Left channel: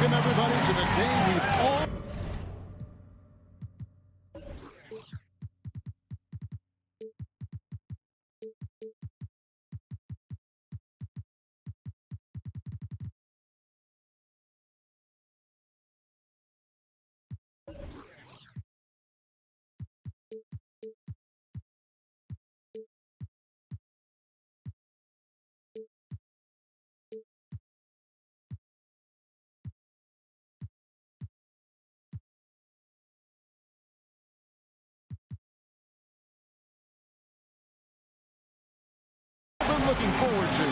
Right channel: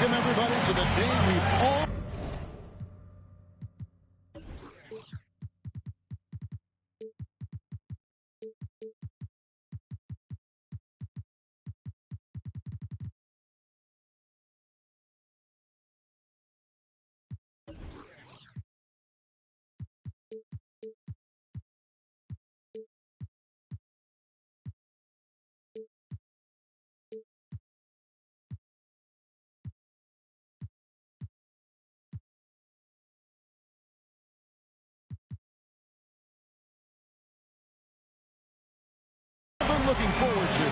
Welcome, everybody, to the day we've all been looking forward to.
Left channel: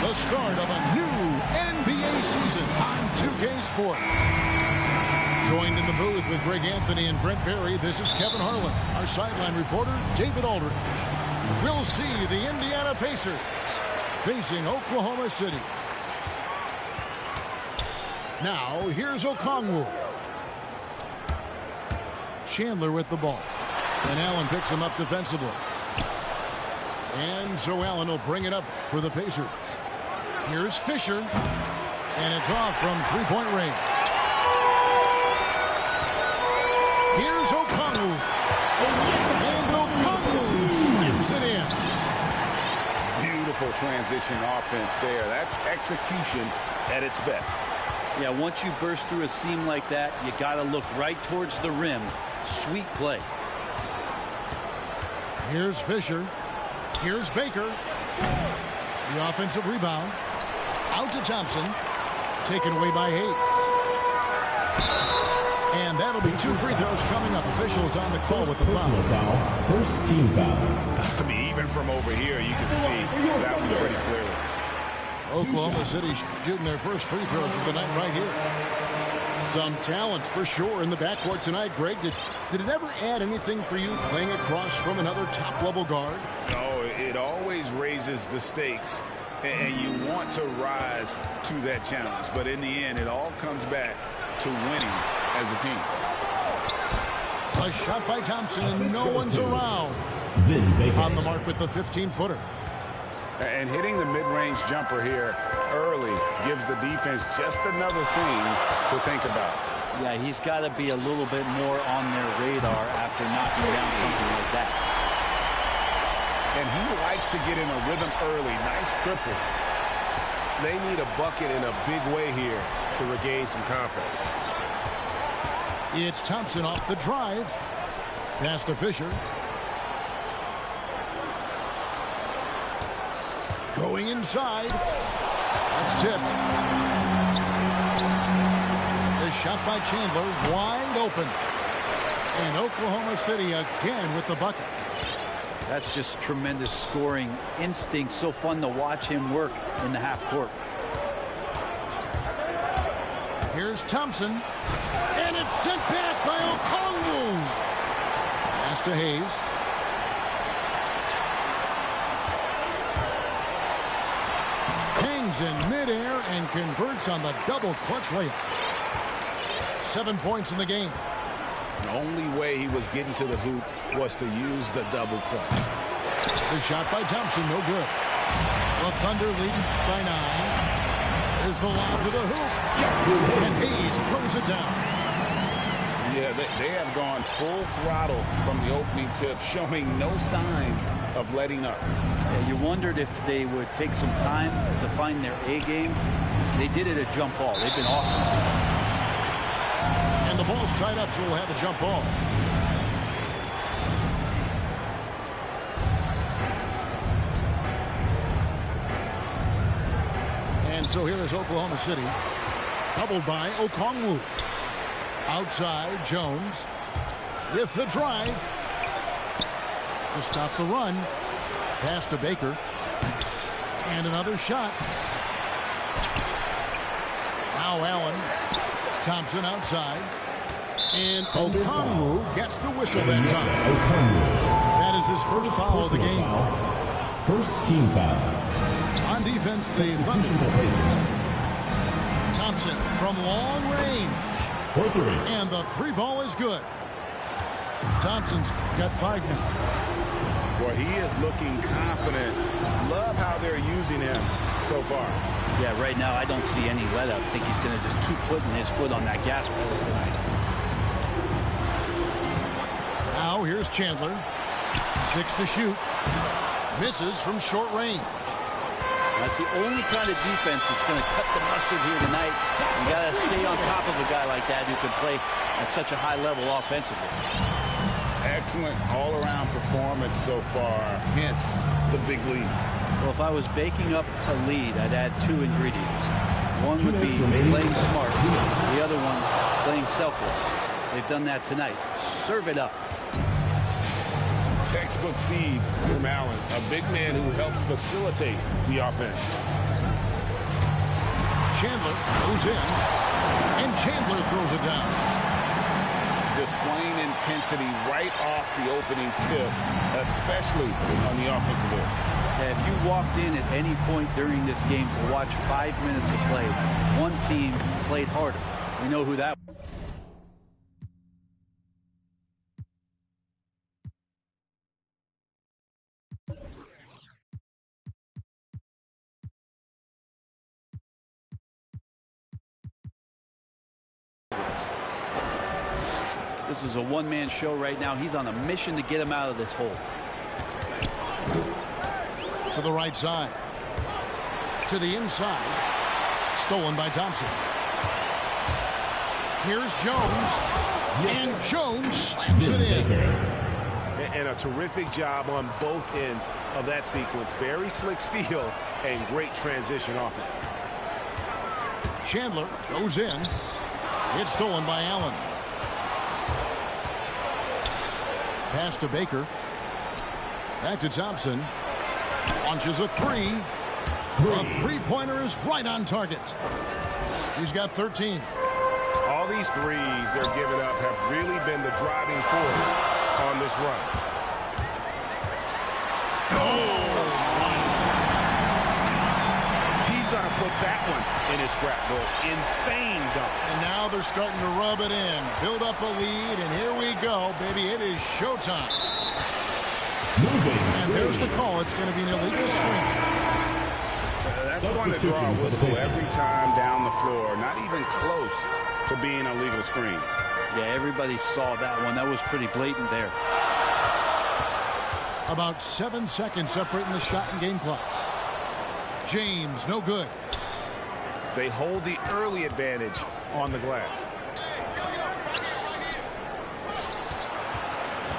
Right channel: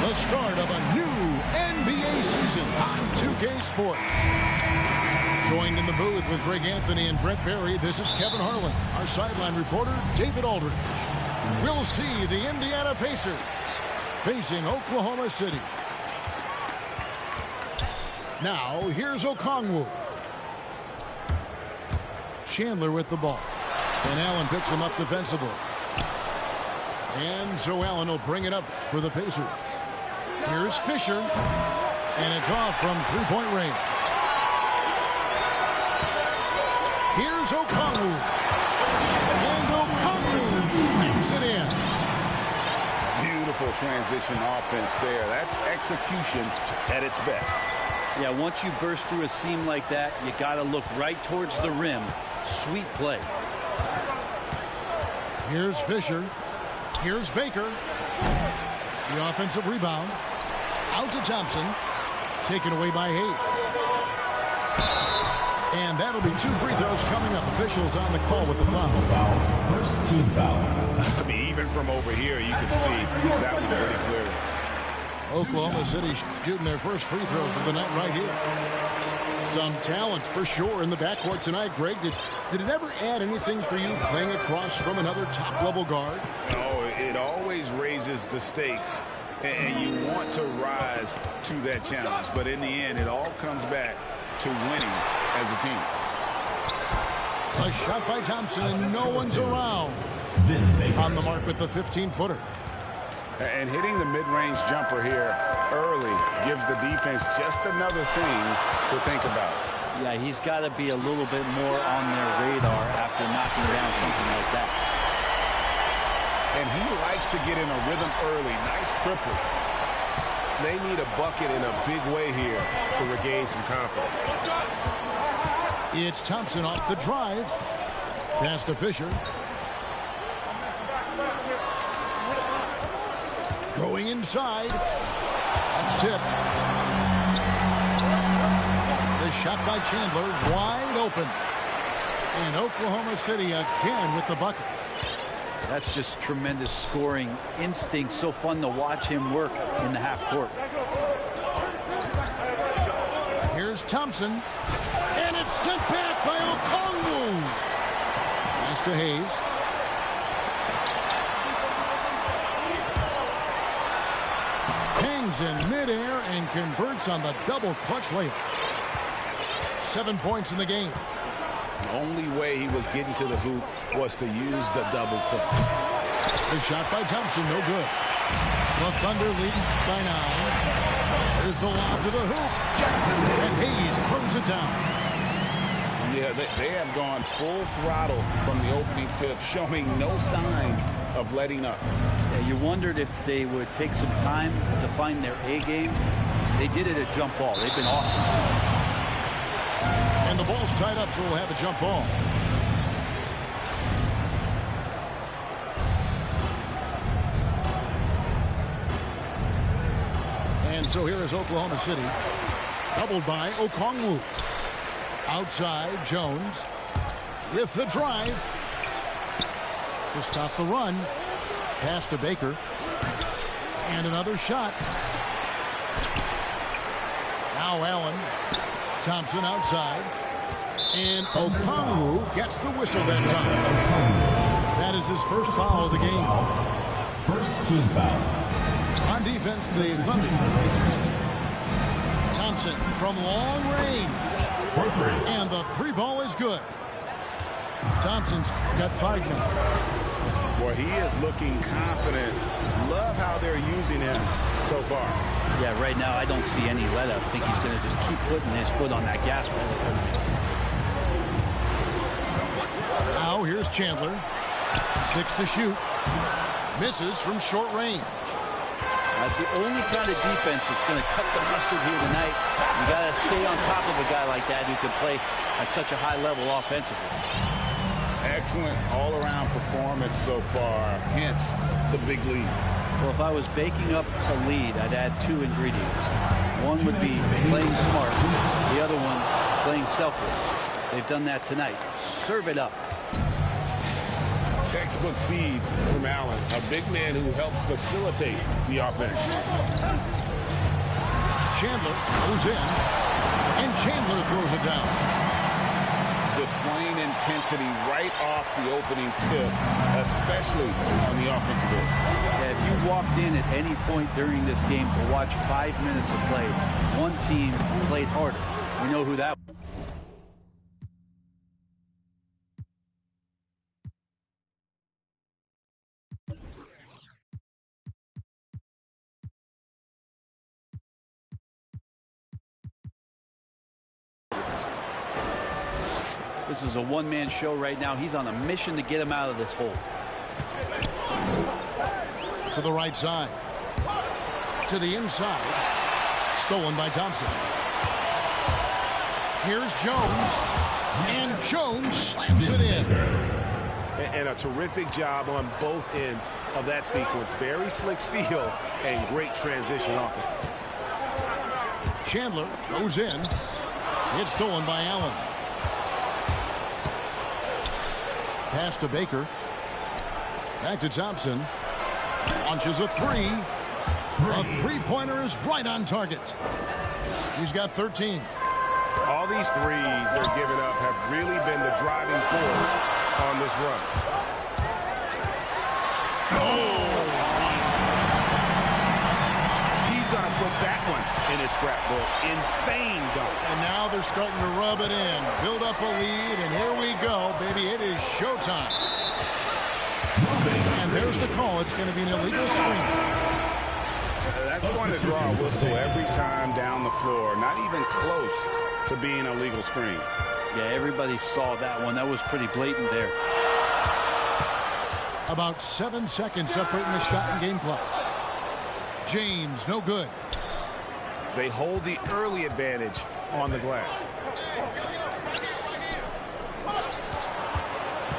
The start of a new NBA season on 2K Sports. Joined in the booth with Greg Anthony and Brent Barry, this is Kevin Harlan. Our sideline reporter, David Aldridge. We'll see the Indiana Pacers facing Oklahoma City. Now, here's Okongwu. Chandler with the ball. And Allen picks him up defensively. And so Allen will bring it up for the Pacers. Here's Fisher. And it's off from three-point range. Here's Okongwu. And Okongwu slams it in. Beautiful transition offense there. That's execution at its best. Yeah, once you burst through a seam like that, you got to look right towards the rim. Sweet play. Here's Fisher. Here's Baker. The offensive rebound. Out to Thompson. Taken away by Hayes. And that'll be two free throws coming up. Officials on the call with the foul. First team foul. I mean, even from over here, you can see that one pretty clearly. Oklahoma City shooting their first free throws of the night right here. Some talent for sure in the backcourt tonight. Greg, did it ever add anything for you playing across from another top-level guard? No, it always raises the stakes, and you want to rise to that challenge. But in the end, it all comes back to winning as a team. A shot by Thompson, and no one's around. Vin Baker. On the mark with the 15-footer. And hitting the mid-range jumper here early gives the defense just another thing to think about. Yeah, he's got to be a little bit more on their radar after knocking down something like that. And he likes to get in a rhythm early. Nice triple. They need a bucket in a big way here to regain some confidence. It's Thompson off the drive. Pass to Fisher. Going inside. That's tipped. The shot by Chandler wide open. And Oklahoma City again with the bucket. That's just tremendous scoring instinct. So fun to watch him work in the half court. Here's Thompson. And it's sent back by Okongwu. Pass to Hayes. Hangs in midair and converts on the double clutch layup. 7 points in the game. The only way he was getting to the hoop was to use the double clutch. The shot by Thompson, no good. The Thunder leading by 9. There's the lob to the hoop. And Hayes throws it down. Yeah, they have gone full throttle from the opening tip, showing no signs of letting up. Yeah, you wondered if they would take some time to find their A game. They did it at jump ball. They've been awesome tonight. And the ball's tied up, so we'll have a jump ball. And so here is Oklahoma City. Doubled by Okongwu. Outside, Jones with the drive to stop the run. Pass to Baker. And another shot. Now Allen. Thompson outside. And Okongwu gets the whistle that time. That is his first foul of the game. First team foul. On defense, the Thunder. Thompson from long range. For three. And the three ball is good. Thompson's got 5 now. Boy, he is looking confident. Love how they're using him so far. Yeah, right now I don't see any let up. I think he's going to just keep putting his foot on that gas pedal tonight. Now here's Chandler. 6 to shoot. Misses from short range. That's the only kind of defense that's going to cut the mustard here tonight. You got to stay on top of a guy like that who can play at such a high level offensively. Excellent all-around performance so far, hence the big lead. Well, if I was baking up a lead, I'd add 2 ingredients. One would be playing smart. The other one, playing selfless. They've done that tonight. Serve it up. Textbook feed from Allen, a big man who helps facilitate the offense. Chandler goes in, and Chandler throws it down. Displaying intensity right off the opening tip, especially on the offensive end. Yeah, if you walked in at any point during this game to watch 5 minutes of play, one team played harder. We know who that was. This is a one-man show right now. He's on a mission to get him out of this hole. To the right side. To the inside. Stolen by Thompson. Here's Jones. And Jones slams it in. And a terrific job on both ends of that sequence. Very slick steal and great transition offense. Chandler goes in. It's stolen by Allen. Pass to Baker. Back to Thompson. Launches a 3. A three-pointer is right on target. He's got 13. All these threes they're giving up have really been the driving force on this run. He's going to put that one in his scrapbook. Insane dunk. And now they're starting to rub it in. Build up a lead, and here we go, baby. It is showtime. And there's the call. It's going to be an illegal screen. That's going to draw a whistle every time down the floor. Not even close to being a legal screen. Yeah, everybody saw that one. That was pretty blatant there. About 7 seconds separating the shot and game clocks. James, no good. They hold the early advantage on the glass.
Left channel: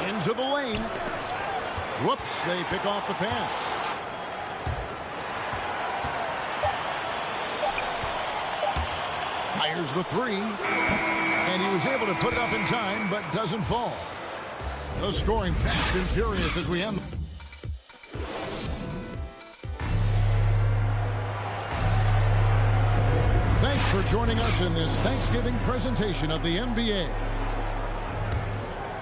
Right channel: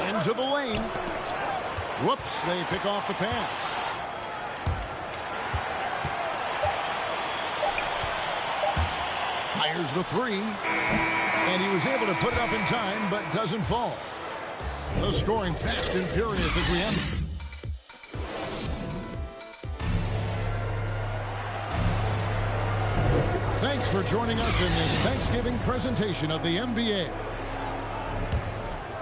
Into the lane. Whoops, they pick off the pass. Fires the 3. And he was able to put it up in time, but doesn't fall. The scoring fast and furious as we end. Thanks for joining us in this Thanksgiving presentation of the NBA.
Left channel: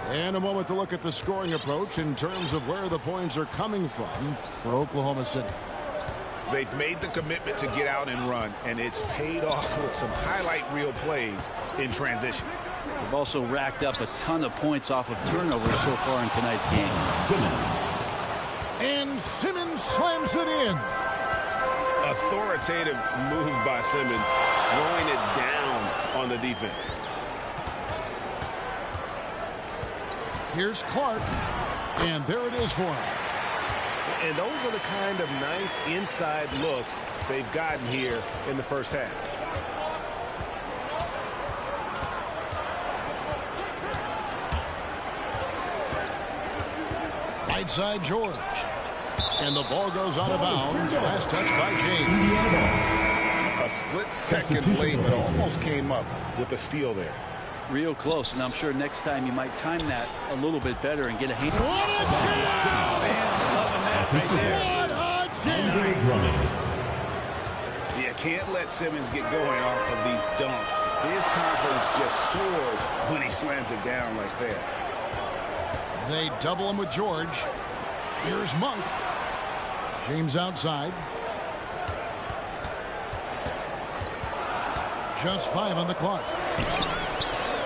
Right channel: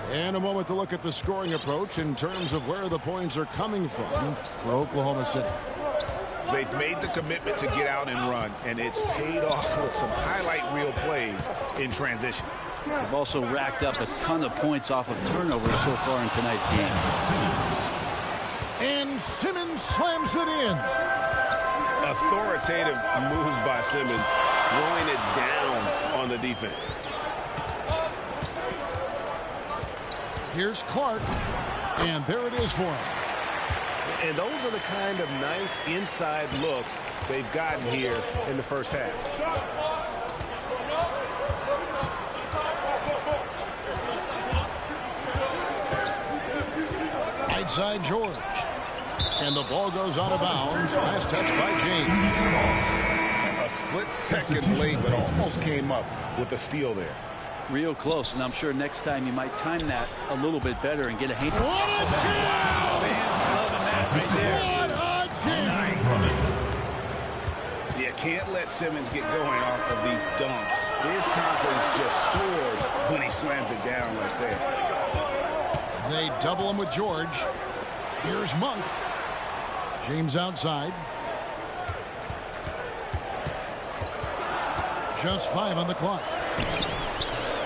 And a moment to look at the scoring approach in terms of where the points are coming from for Oklahoma City. They've made the commitment to get out and run, and it's paid off with some highlight reel plays in transition. They've also racked up a ton of points off of turnovers so far in tonight's game. And Simmons slams it in. Authoritative moves by Simmons, throwing it down on the defense. Here's Clark, and there it is for him. And those are the kind of nice inside looks they've gotten here in the first half. Right side George. And the ball goes out of bounds. Last touch by James. A split second late, but almost came up with a steal there. Real close, and I'm sure next time you might time that a little bit better and get a hand. What a jam! Wow, fans loving that right there. What a jam! Yeah, can't let Simmons get going off of these dunks. His confidence just soars when he slams it down like that. They double him with George. Here's Monk. James outside. Just 5 on the clock.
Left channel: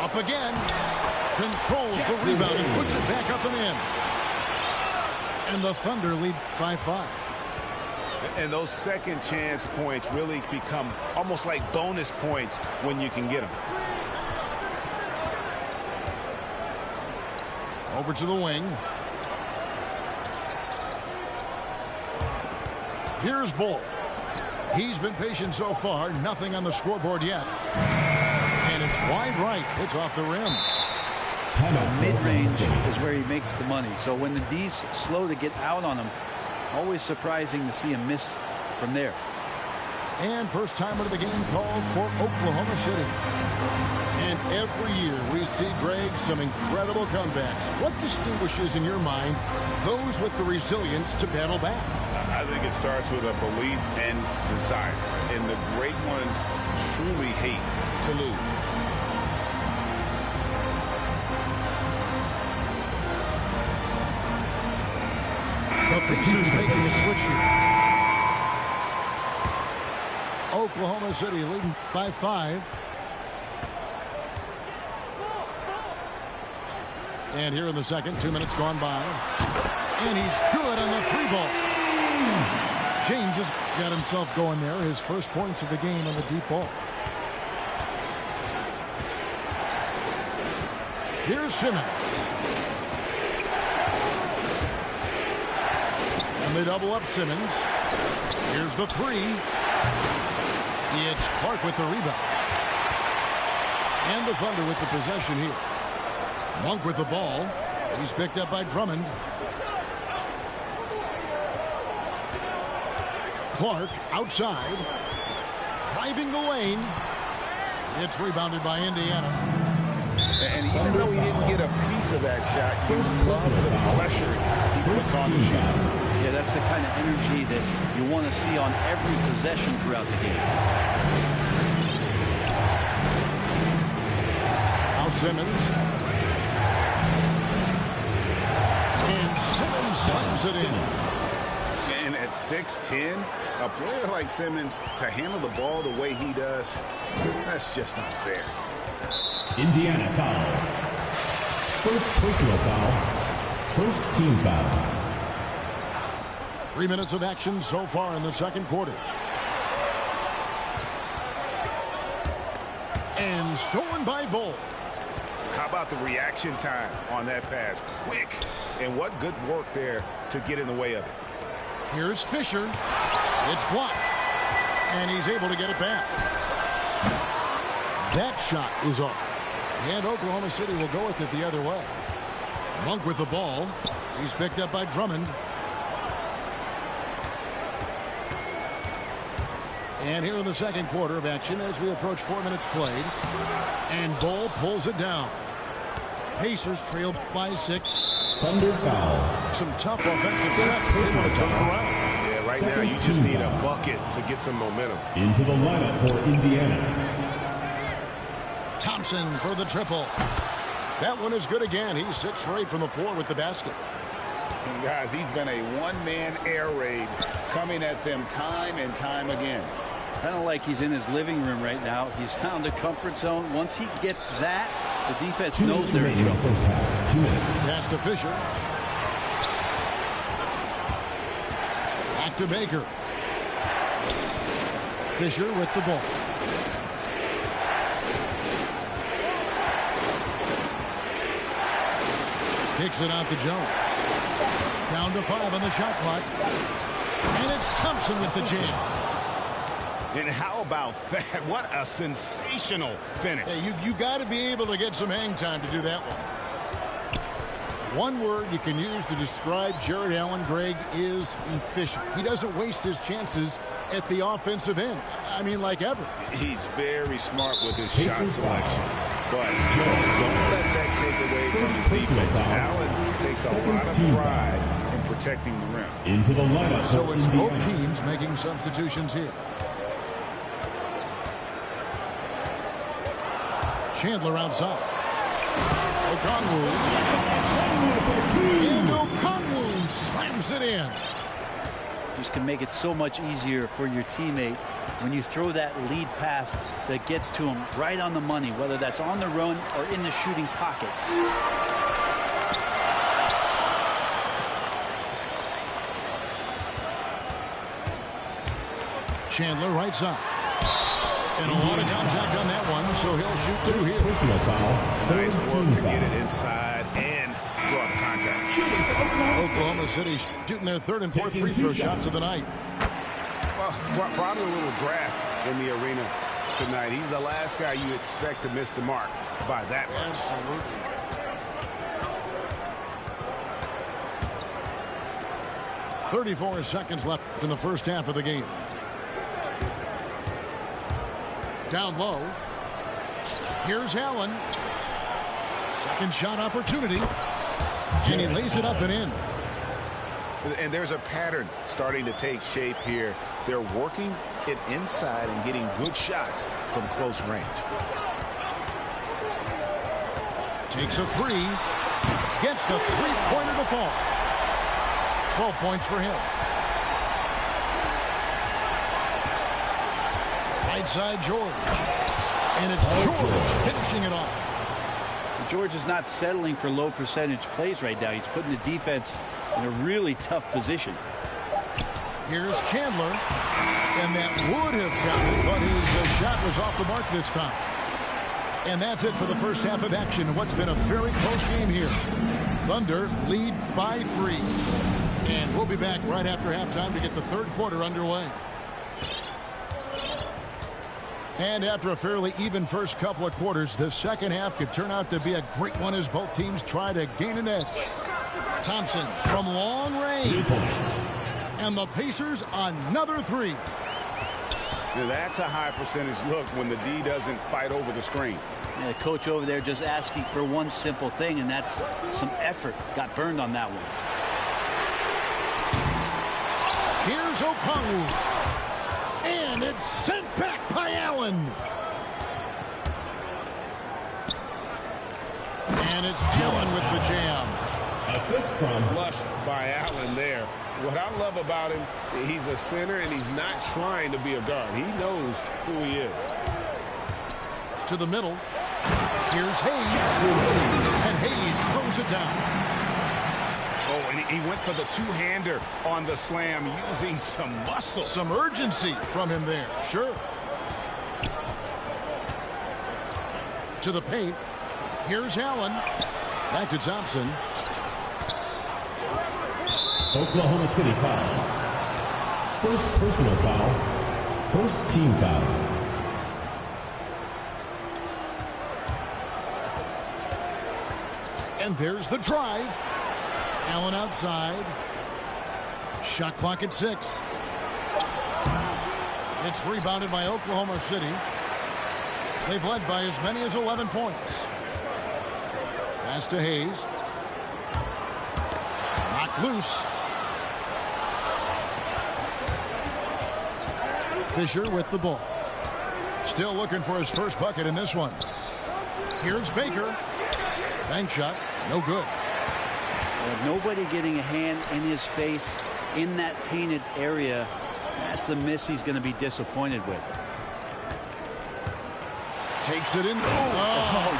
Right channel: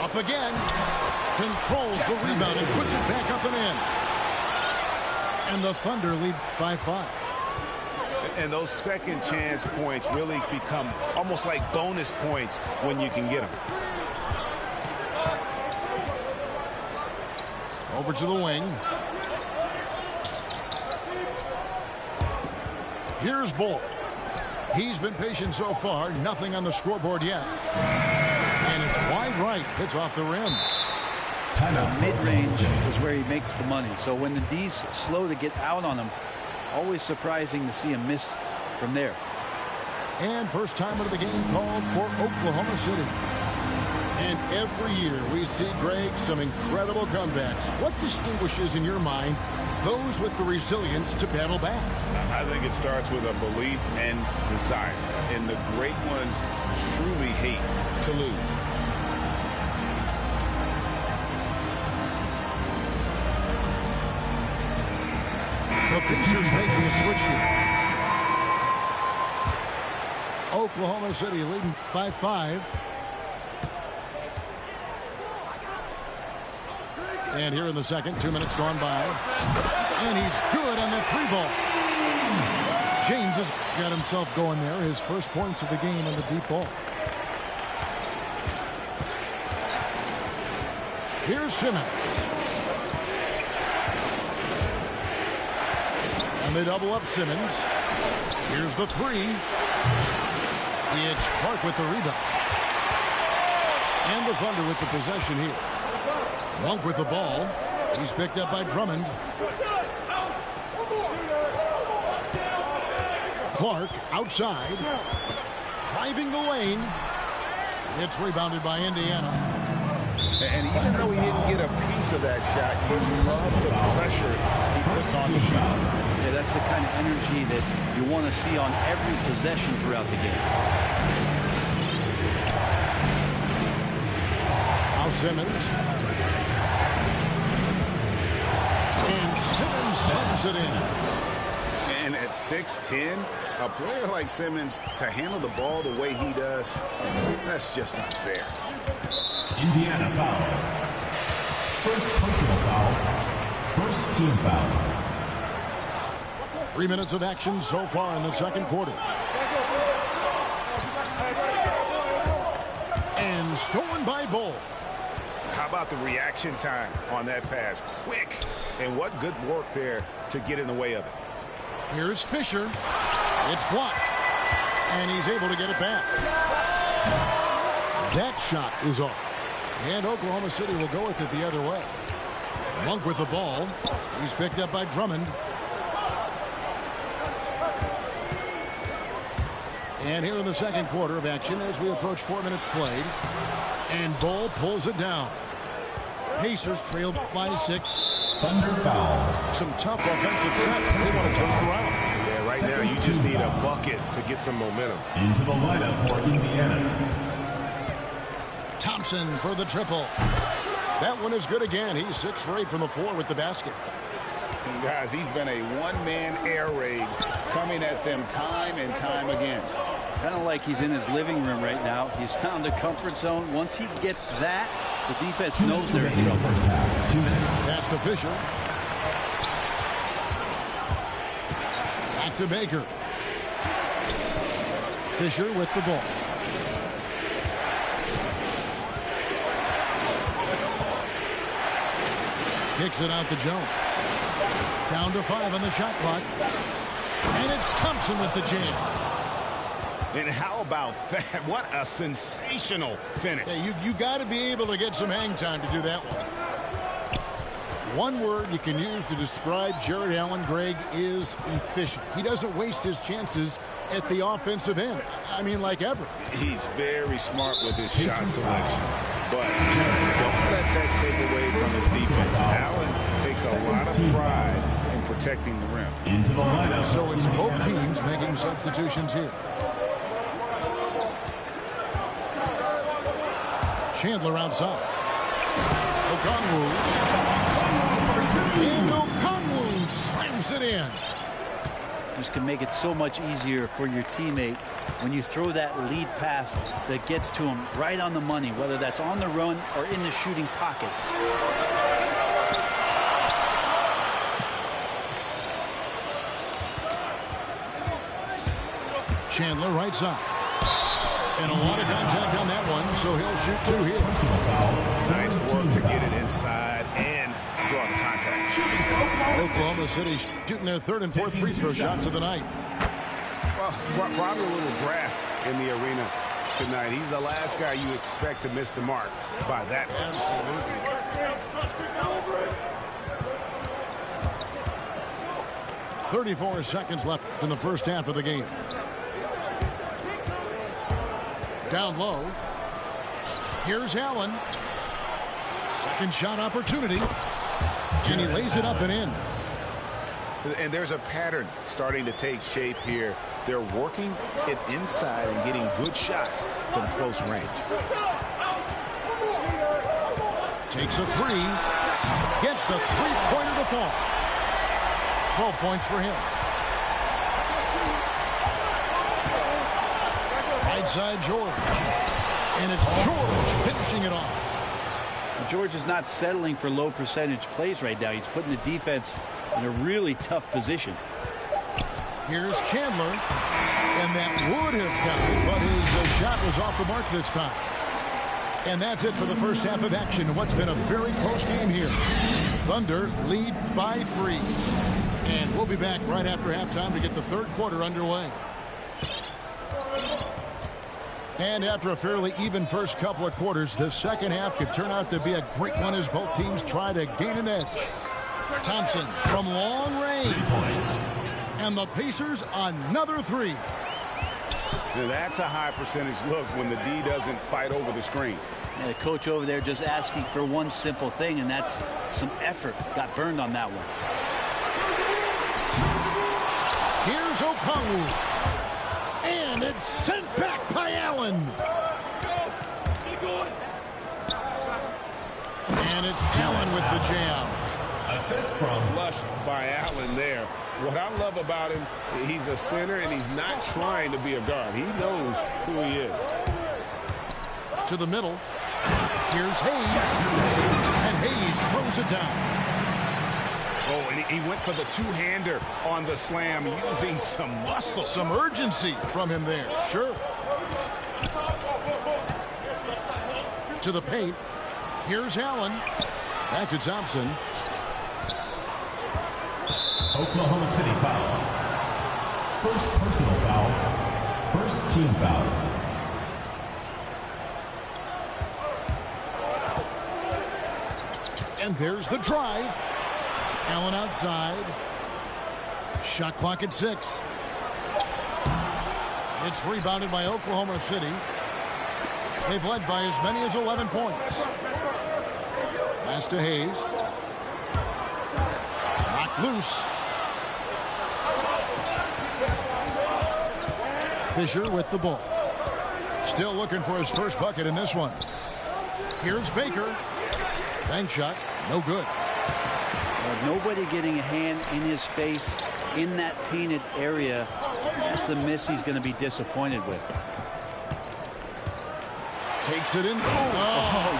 Up again. Controls the rebound and puts it back up and in. And the Thunder lead by 5. And those second chance points really become almost like bonus points when you can get them. Over to the wing. Here's Bull. He's been patient so far. Nothing on the scoreboard yet. And it's wide right. It's off the rim. Mid-range is where he makes the money. So when the D's slow to get out on him, always surprising to see him miss from there. And first time of the game called for Oklahoma City. And every year we see, Greg, some incredible comebacks. What distinguishes in your mind those with the resilience to battle back? I think it starts with a belief and desire. And the great ones truly hate to lose. The Pacers making a switch here. Oklahoma City leading by 5. And here in the second, 2 minutes gone by. And he's good on the 3-ball. James has got himself going there. His first points of the game on the deep ball. Here's Simmons. And they double up Simmons. Here's the 3. It's Clark with the rebound. And the Thunder with the possession here. Monk with the ball. He's picked up by Drummond. Clark outside. Driving the lane. It's rebounded by Indiana. And even though he didn't get a piece of that shot, you love the pressure he puts on the shooter. Yeah, that's the kind of energy that you want to see on every possession throughout the game. Now Simmons. And Simmons slams it in. And at 6'10", a player like Simmons, to handle the ball the way he does, that's just unfair. Indiana foul. First personal foul. First team foul. 3 minutes of action so far in the second quarter. And stolen by Bull. How about the reaction time on that pass? Quick. And what good work there to get in the way of it. Here's Fisher. It's blocked. And he's able to get it back. That shot is off. And Oklahoma City will go with it the other way. Monk with the ball. He's picked up by Drummond. And here in the second quarter of action as we approach 4 minutes played. And Bull pulls it down. Pacers trail by 6. Thunder foul. Some tough offensive sets. They want to turn it around. Yeah, right now you just need a bucket to get some momentum. Into the lineup for Indiana. Thompson for the triple. That one is good again. He's 6 for 8 from the floor with the basket. And guys, he's been a one-man air raid coming at them time and time again. Kind of like he's in his living room right now. He's found a comfort zone. Once he gets that, the defense knows they're in trouble. First half, 2 minutes. Pass to Fisher. Back to Baker. Fisher with the ball. Kicks it out to Jones. Down to 5 on the shot clock. And it's Thompson with the jam. And how about that? What a sensational finish. Hey, you got to be able to get some hang time to do that one. One word you can use to describe Jared Allen, Greg, is efficient. He doesn't waste his chances at the offensive end. I mean, like ever. He's very smart with his shot selection. But don't let that take away from his defense. Allen takes a lot of pride in protecting the rim. Into the lineup. So it's both teams making substitutions here. Chandler outside. Okongwu. And Okongwu slams it in. Just can make it so much easier for your teammate when you throw that lead pass that gets to him right on the money, whether that's on the run or in the shooting pocket. Chandler right side. And a lot of contact on that one, so he'll shoot 2 here. Personal foul. Nice work to get it inside and draw the contact. Oklahoma City shooting their 3rd and 4th free throw shots of the night. Well, probably a little draft in the arena tonight. He's the last guy you expect to miss the mark by that much. Absolutely. .34 seconds left in the first half of the game. Down low. Here's Allen. Second shot opportunity. And he lays it up and in. And there's a pattern starting to take shape here. They're working it inside and getting good shots from close range. Takes a 3. Gets the three-pointer to fall. 12 points for him. Right side, George. And it's George finishing it off. George is not settling for low percentage plays right now. He's putting the defense in a really tough position. Here's Chandler. And that would have counted, but his shot was off the mark this time. And that's it for the first half of action. What's been a very close game here. Thunder lead by 3. And we'll be back right after halftime to get the third quarter underway. And after a fairly even first couple of quarters, the second half could turn out to be a great one as both teams try to gain an edge. Thompson from long range. 3 points. And the Pacers another 3. Now that's a high percentage look when the D doesn't fight over the screen. Yeah, the coach over there just asking for one simple thing, and that's some effort. Got burned on that one. Here's Okongwu. And it's sent back by Allen. And it's Allen with the jam. Assist from Flushed by Allen there. What I love about him, he's a center and he's not trying to be a guard. He knows who he is. To the middle. Here's Hayes. And Hayes throws it down. Oh, and he went for the two-hander on the slam using some muscle. Some urgency from him there. Sure. To the paint. Here's Allen. Back to Thompson. Oklahoma City foul. First personal foul. First team foul. And there's the drive. Allen outside. Shot clock at 6. It's rebounded by Oklahoma City. They've led by as many as 11 points. Pass to Hayes. Knocked loose. Fisher with the ball. Still looking for his first bucket in this one. Here's Baker. Bank shot. No good. Nobody getting a hand in his face in that painted area. That's a miss he's going to be disappointed with. Takes it in. Timeout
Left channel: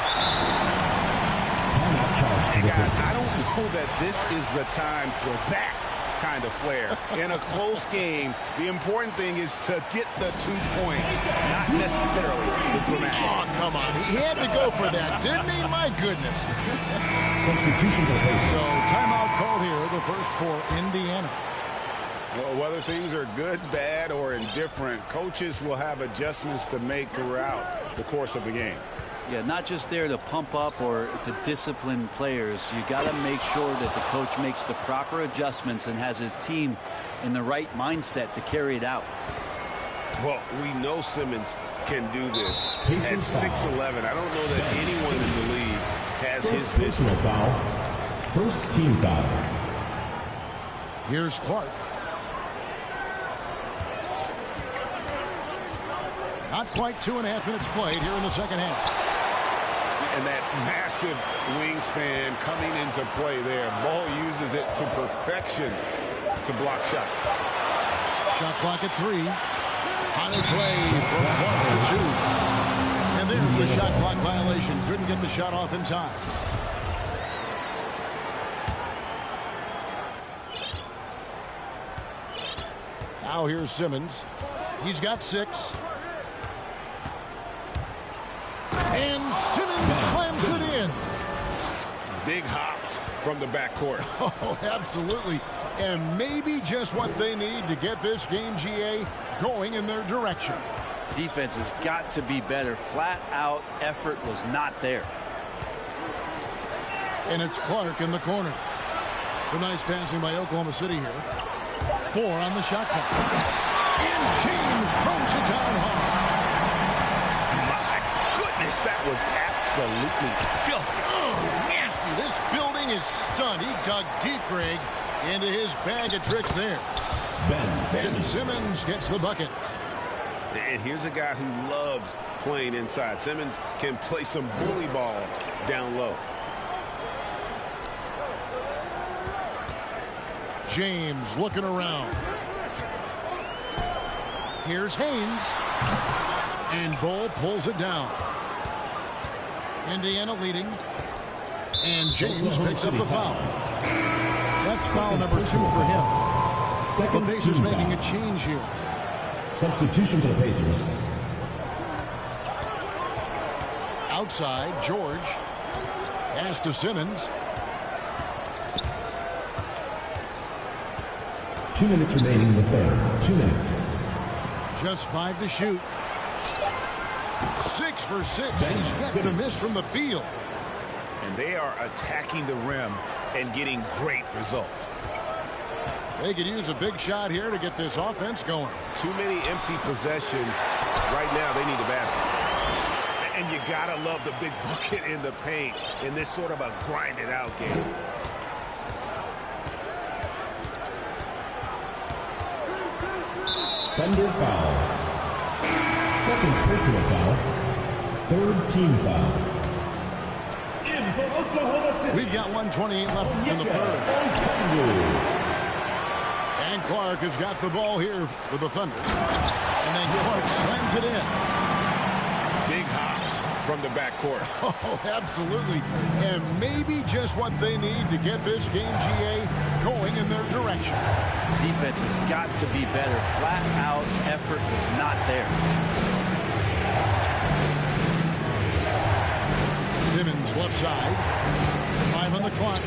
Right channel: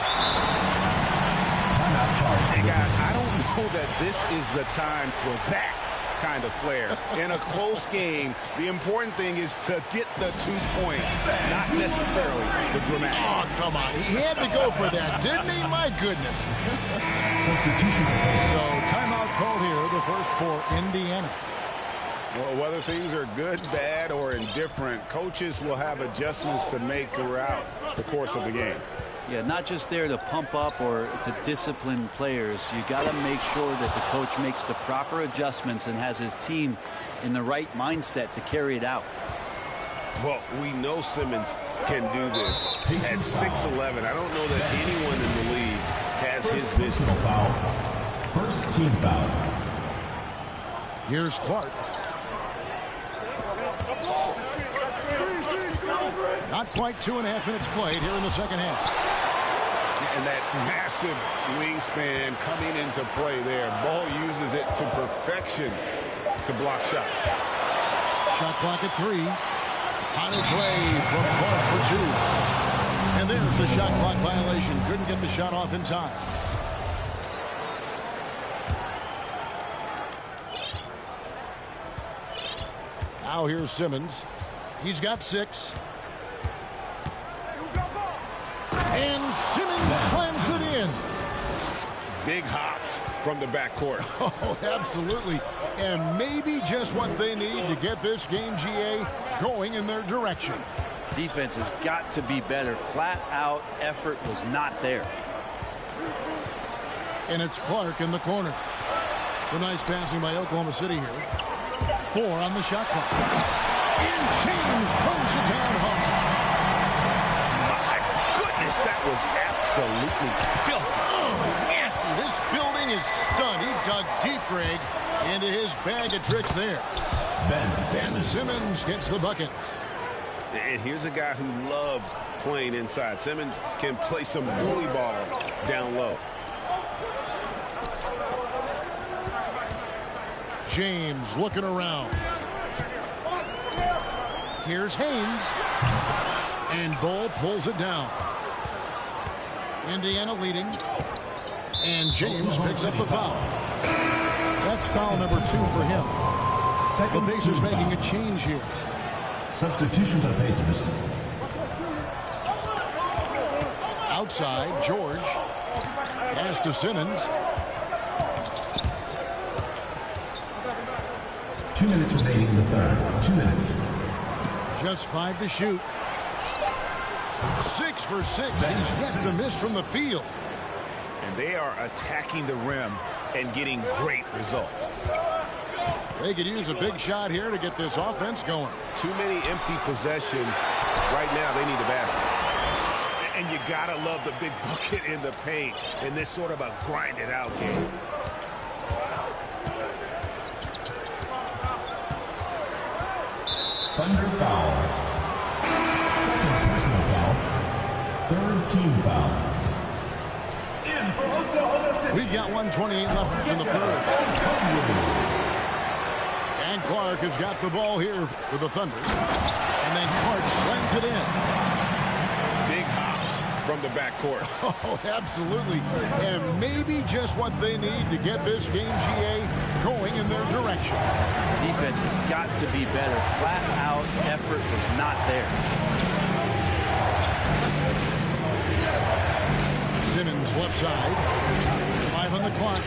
charge. Hey, guys, I don't know that this is the time for that kind of flair. In a close game, the important thing is to get the 2 points, not necessarily the dramatics. Oh, come on. He had to go for that, didn't he? My goodness. Substitution replacement. So timeout called here, the first for Indiana. Well, whether things are good, bad, or indifferent, coaches will have adjustments to make throughout the course of the game. Yeah, not just there to pump up or to discipline players. You got to make sure that the coach makes the proper adjustments and has his team in the right mindset to carry it out. Well, we know Simmons can do this. At Pacers foul. 6'11", I don't know that anyone in the league has his First vision. personal foul. First team foul. Here's Clark. Not quite 2.5 minutes played here in the second half. And that massive wingspan coming into play there. Ball uses it to perfection to block shots. Shot clock at 3. On its way from Clark for 2. And there's the shot clock violation. Couldn't get the shot off in time. Now here's Simmons. He's got 6. And Simmons slams it in. Big hops from the backcourt. Oh, absolutely. And maybe just what they need to get this game, GA, going in their direction. Defense has got to be better. Flat out effort was not there. And it's Clark in the corner. Some nice passing by Oklahoma City here. 4 on the shot clock. And James throws it down hard. My goodness, that was absolutely filthy. Oh, nasty. This building is stunned. He dug deep, Greg, into his bag of tricks there. Ben Simmons gets the bucket. And here's a guy who loves playing inside. Simmons can play some bully ball down low. James looking around. Here's Haynes. And Bull pulls it down. Indiana leading. And James picks up the foul. That's foul number 2 for him. The Pacers making a change here. Substitution for the Pacers. Outside, George. Pass to Simmons. 2 minutes remaining in the third. 2 minutes. Just 5 to shoot. 6 for 6. He's yet to miss from the field. And they are attacking the rim and getting great results. They could use a big shot here to get this offense going. Too many empty possessions. Right now, they need a basket. And you gotta love the big bucket in the paint in this sort of a grinded-out game. Thunder foul. Second personal foul. Third team foul. In for Oklahoma City. We've got 1:28 left in the third. And Clark has got the ball here for the Thunder. And then Clark slams it in. Big hops from the backcourt. Oh, absolutely. And maybe just what they need to get this game, GA, going in their direction. Defense has got to be better. Flat out effort was not there. Simmons left side. 5 on the clock.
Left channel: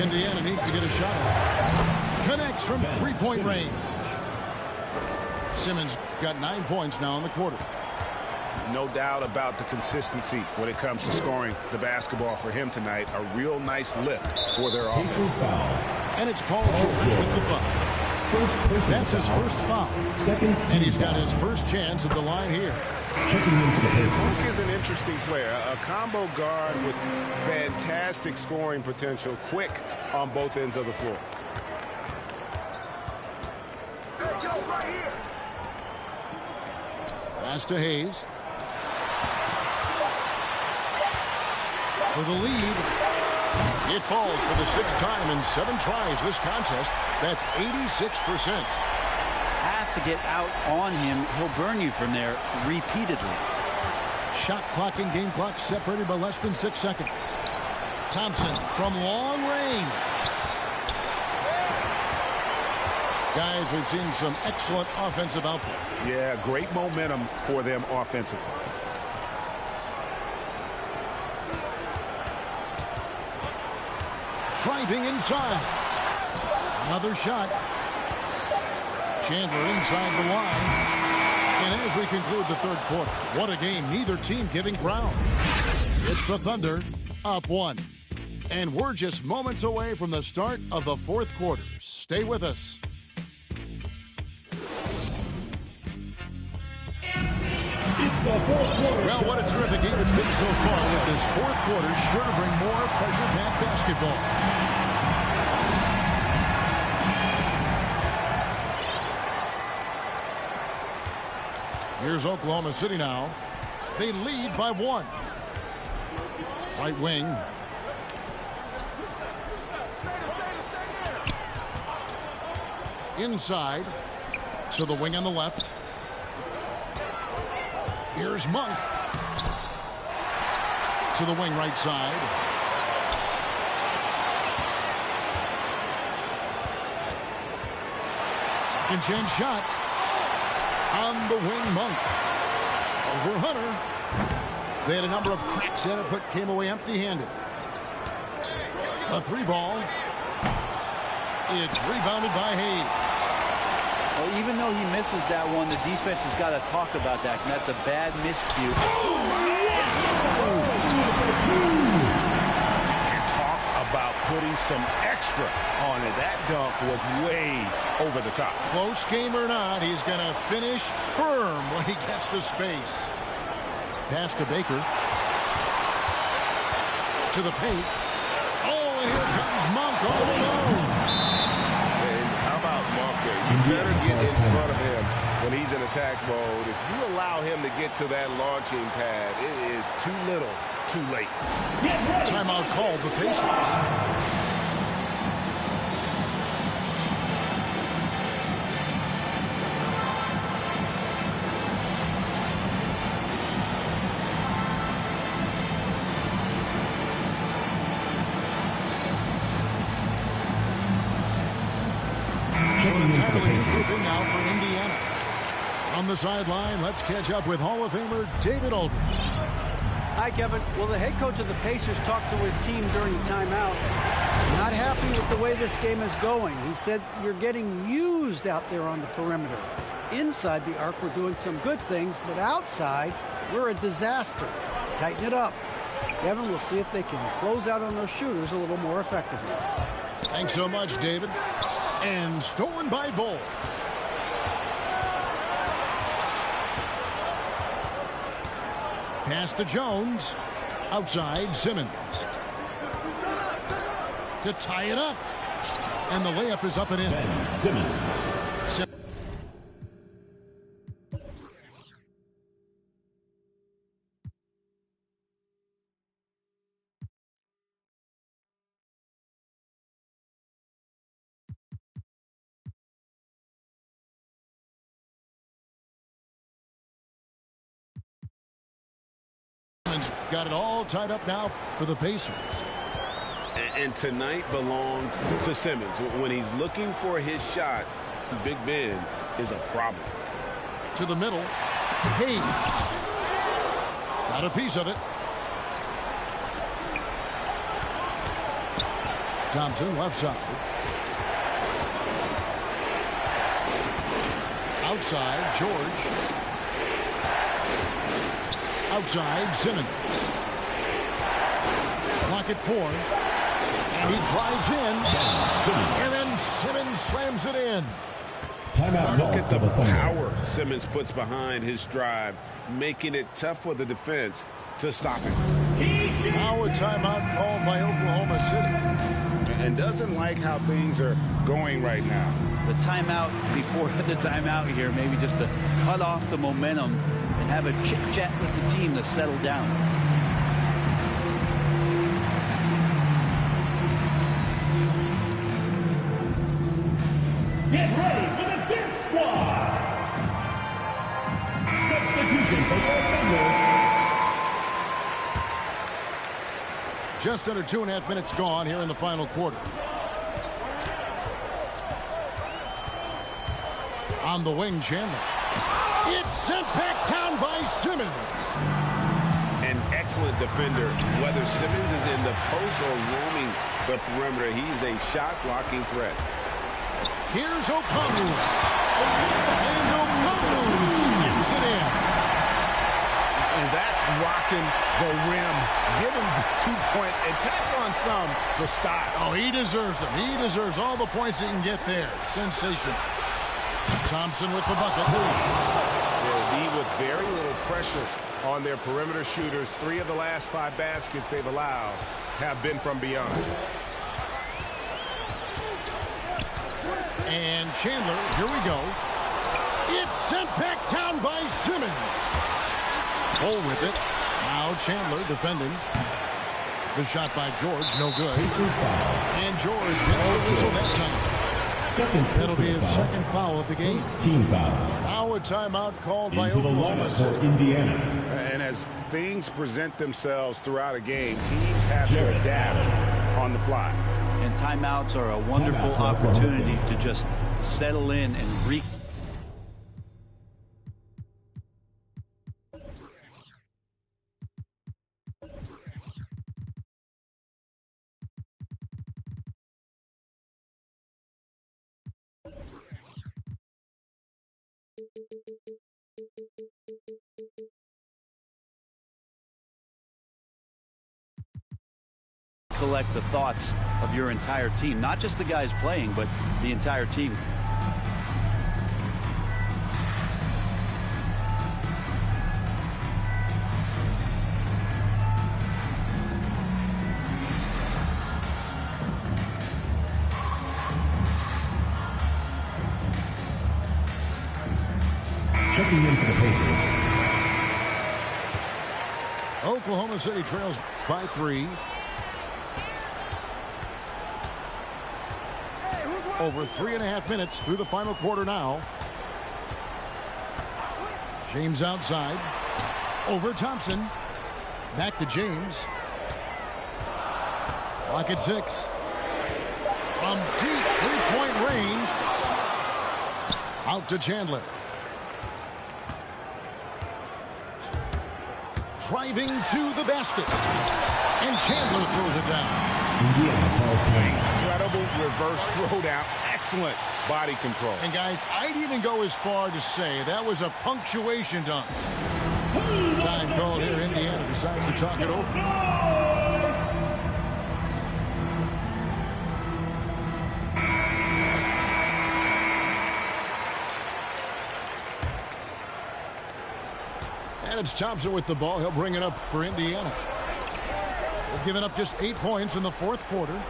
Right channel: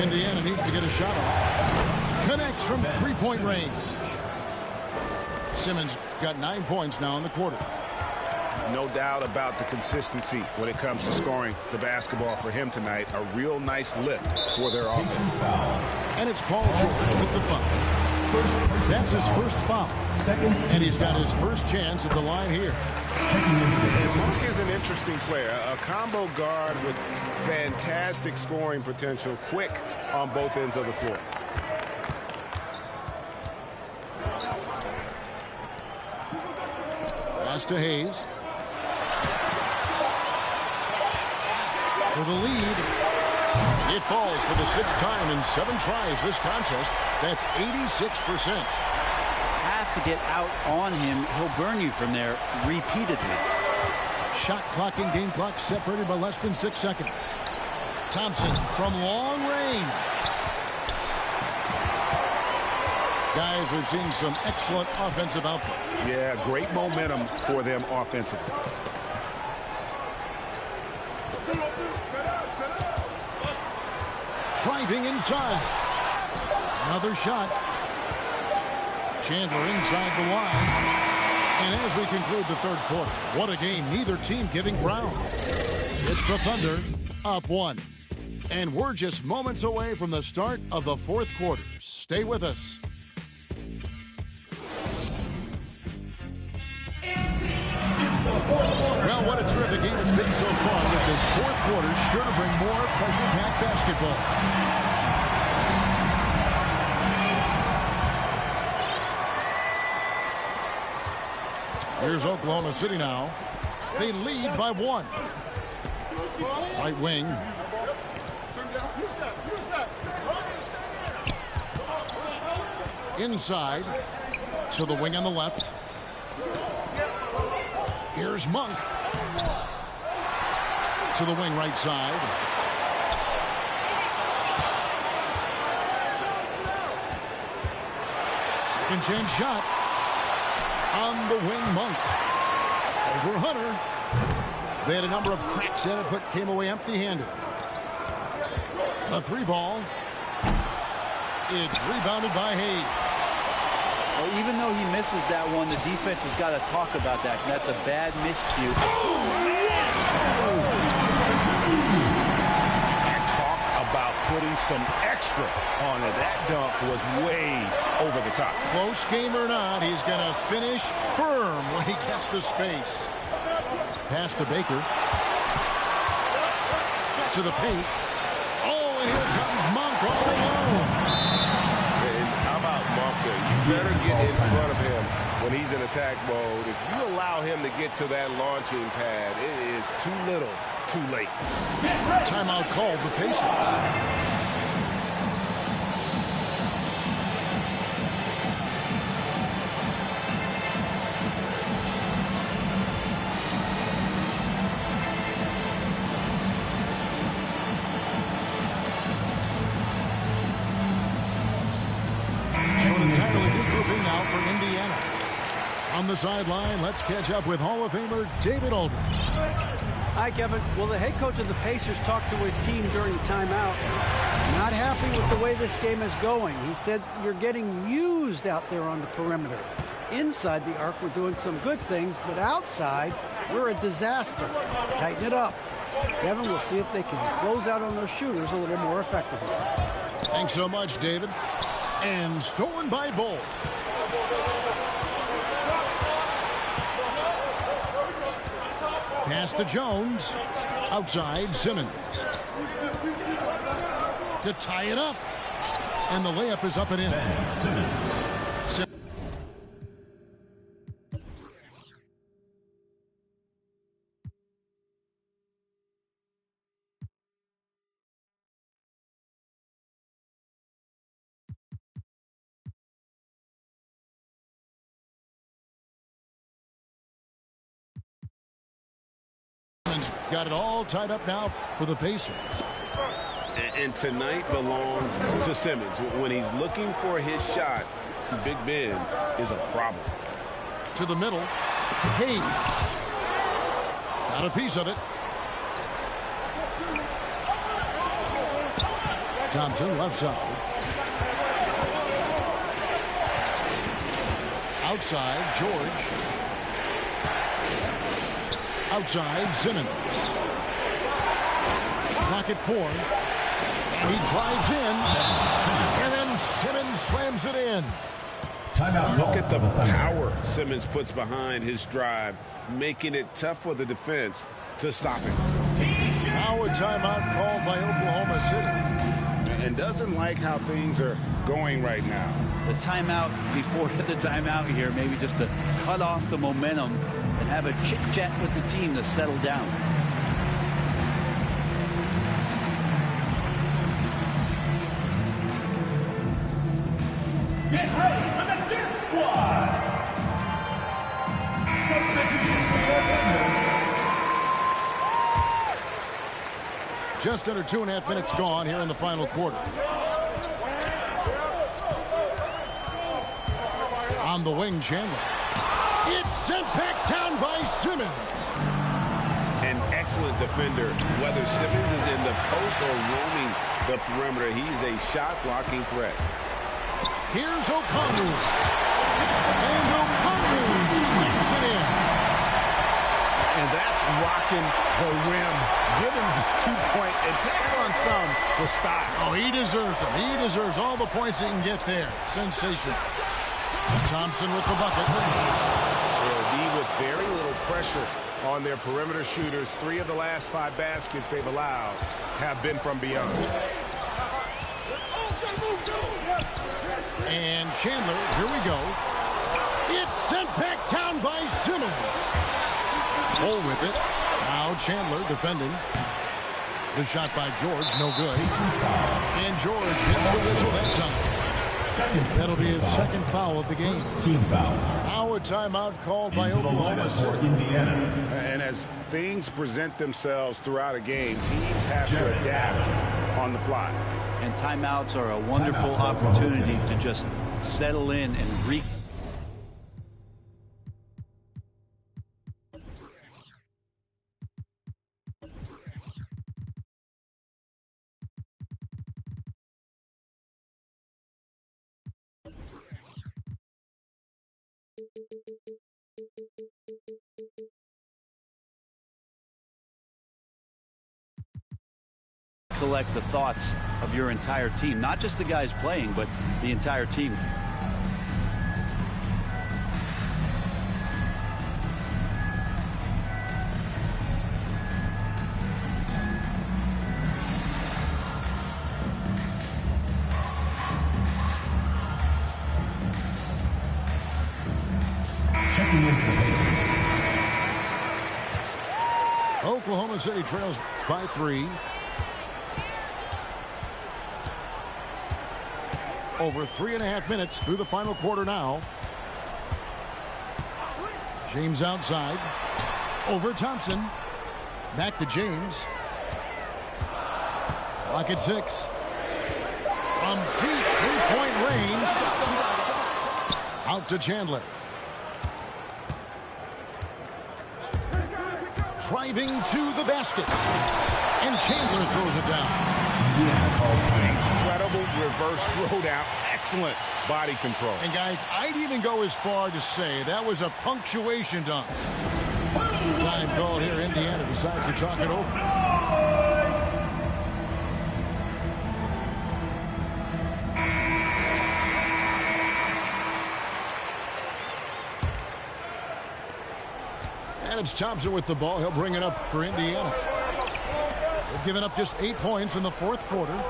Indiana needs to get a shot off. Connects from three-point range. Simmons got 9 points now in the quarter. No doubt about the consistency when it comes to scoring the basketball for him tonight. A real nice lift for their offense. And it's Paul George with the foul. That's his first foul. And he's got his first chance at the line here. Monk is an interesting player. A combo guard with fantastic scoring potential. Quick on both ends of the floor. Pass to Hayes. For the lead. It falls for the 6th time in 7 tries this contest. That's 86%. Have to get out on him. He'll burn you from there repeatedly. Shot clock and game clock separated by less than 6 seconds. Thompson from long range. Guys, we've seen some excellent offensive output. Yeah, great momentum for them offensively. Driving inside. Another shot. Chandler inside the line. And as we conclude the third quarter, what a game. Neither team giving ground. It's the Thunder up 1. And we're just moments away from the start of the fourth quarter. Stay with us. Well, what a terrific game it's been so far, with this fourth quarter sure to bring more pressure-packed basketball. Here's Oklahoma City now. They lead by 1. Right wing. Inside to the wing on the left. Here's Monk. To the wing right side. Second chance shot. On the wing, Monk. Over Hunter. They had a number of cracks at it, but came away empty-handed. A 3-ball. It's rebounded by Hayes. Well, even though he misses that one, the defense has got to talk about that. And that's a bad miscue. And talk about putting some extra on it. That dunk was way over the top. Close game or not, he's going to finish firm when he gets the space. Pass to Baker. To the paint. Oh, and here comes Monk all alone. And how about Monk there? You better get in front of him when he's in attack mode. If you allow him to get to that launching pad, it is too little, too late. Timeout called the Pacers. Now for Indiana. On the sideline, let's catch up with Hall of Famer David Aldridge. Hi, Kevin. Well, the head coach of the Pacers talked to his team during the timeout. Not happy with the way this game is going. He said, you're getting used out there on the perimeter. Inside the arc, we're doing some good things, but outside, we're a disaster. Tighten it up. Kevin, we'll see if they can close out on those shooters a little more effectively. Thanks so much, David. And stolen by Bull. Pass to Jones. Outside, Simmons. To tie it up. And the layup is up and in. Ben Simmons. Got it all tied up now for the Pacers. And tonight belongs to Simmons. When he's looking for his shot, Big Ben is a problem. To the middle. Hayes. Got a piece of it. Thompson, left side. Outside, George. Outside, Simmons. Clock at 4. And he drives in. And then Simmons slams it in. Timeout. Look at the power Simmons puts behind his drive, making it tough for the defense to stop him. Now a timeout called by Oklahoma City. And doesn't like how things are going right now. The timeout before the timeout here, maybe just to cut off the momentum and have a chit-chat with the team to settle down. Get ready for the dance squad. Substitution for your offender. Just under 2.5 minutes gone here in the final quarter. On the wing, Chandler. It's sent back down by Simmons. An excellent defender. Whether Simmons is in the post or roaming the perimeter, he's a shot-blocking threat. Here's O'Connell. And O'Connell slams it in. And that's rocking the rim. Give him the 2 points and tack on some for style. Oh, he deserves them. He deserves all the points he can get there. Sensational. Thompson with the bucket. Yeah, D with very little pressure on their perimeter shooters. 3 of the last 5 baskets they've allowed have been from beyond. And Chandler, here we go. It's sent back down by Simmons. Bull with it. Now Chandler defending. The shot by George, no good. And George gets the whistle that time. That'll be his second foul of the game. Team foul. Now a timeout called by Oklahoma City. Indiana. And as things present themselves throughout a game, teams have to adapt on the fly. And timeouts are a wonderful opportunity to just settle in and Collect the thoughts of your entire team, not just the guys playing, but the entire team. Checking in for the Pacers. Oklahoma City trails by 3. Over 3.5 minutes through the final quarter now. James outside. Over Thompson. Back to James. Clock at 6. From deep three-point range. Out to Chandler. Driving to the basket. And Chandler throws it down. Indiana calls time. Incredible reverse throwdown. Excellent body control. And guys, I'd even go as far to say that was a punctuation dunk. Time called here. Indiana decides to talk it over. And it's Thompson with the ball. He'll bring it up for Indiana. They've given up just 8 points in the fourth quarter.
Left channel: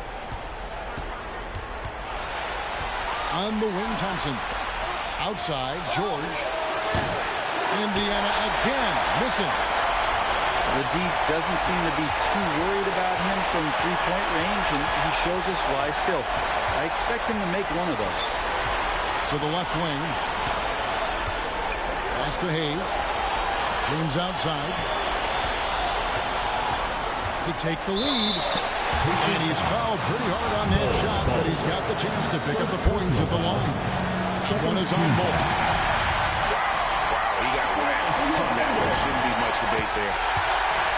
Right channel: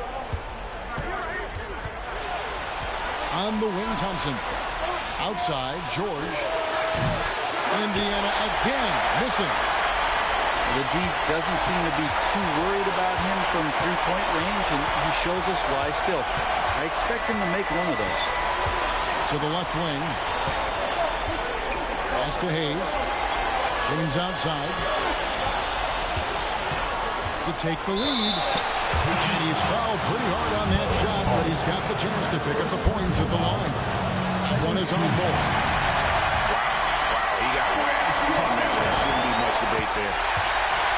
On the wing, Thompson. Outside, George. Indiana again missing. The D doesn't seem to be too worried about him from three-point range, and he shows us why still. I expect him to make one of those. To the left wing. Pass to Hayes. James outside. To take the lead. And he's fouled pretty hard on that shot, but he's got the chance to pick up the points at the line. One is on ball. Wow, he got whacked on that one. Shouldn't be much debate there.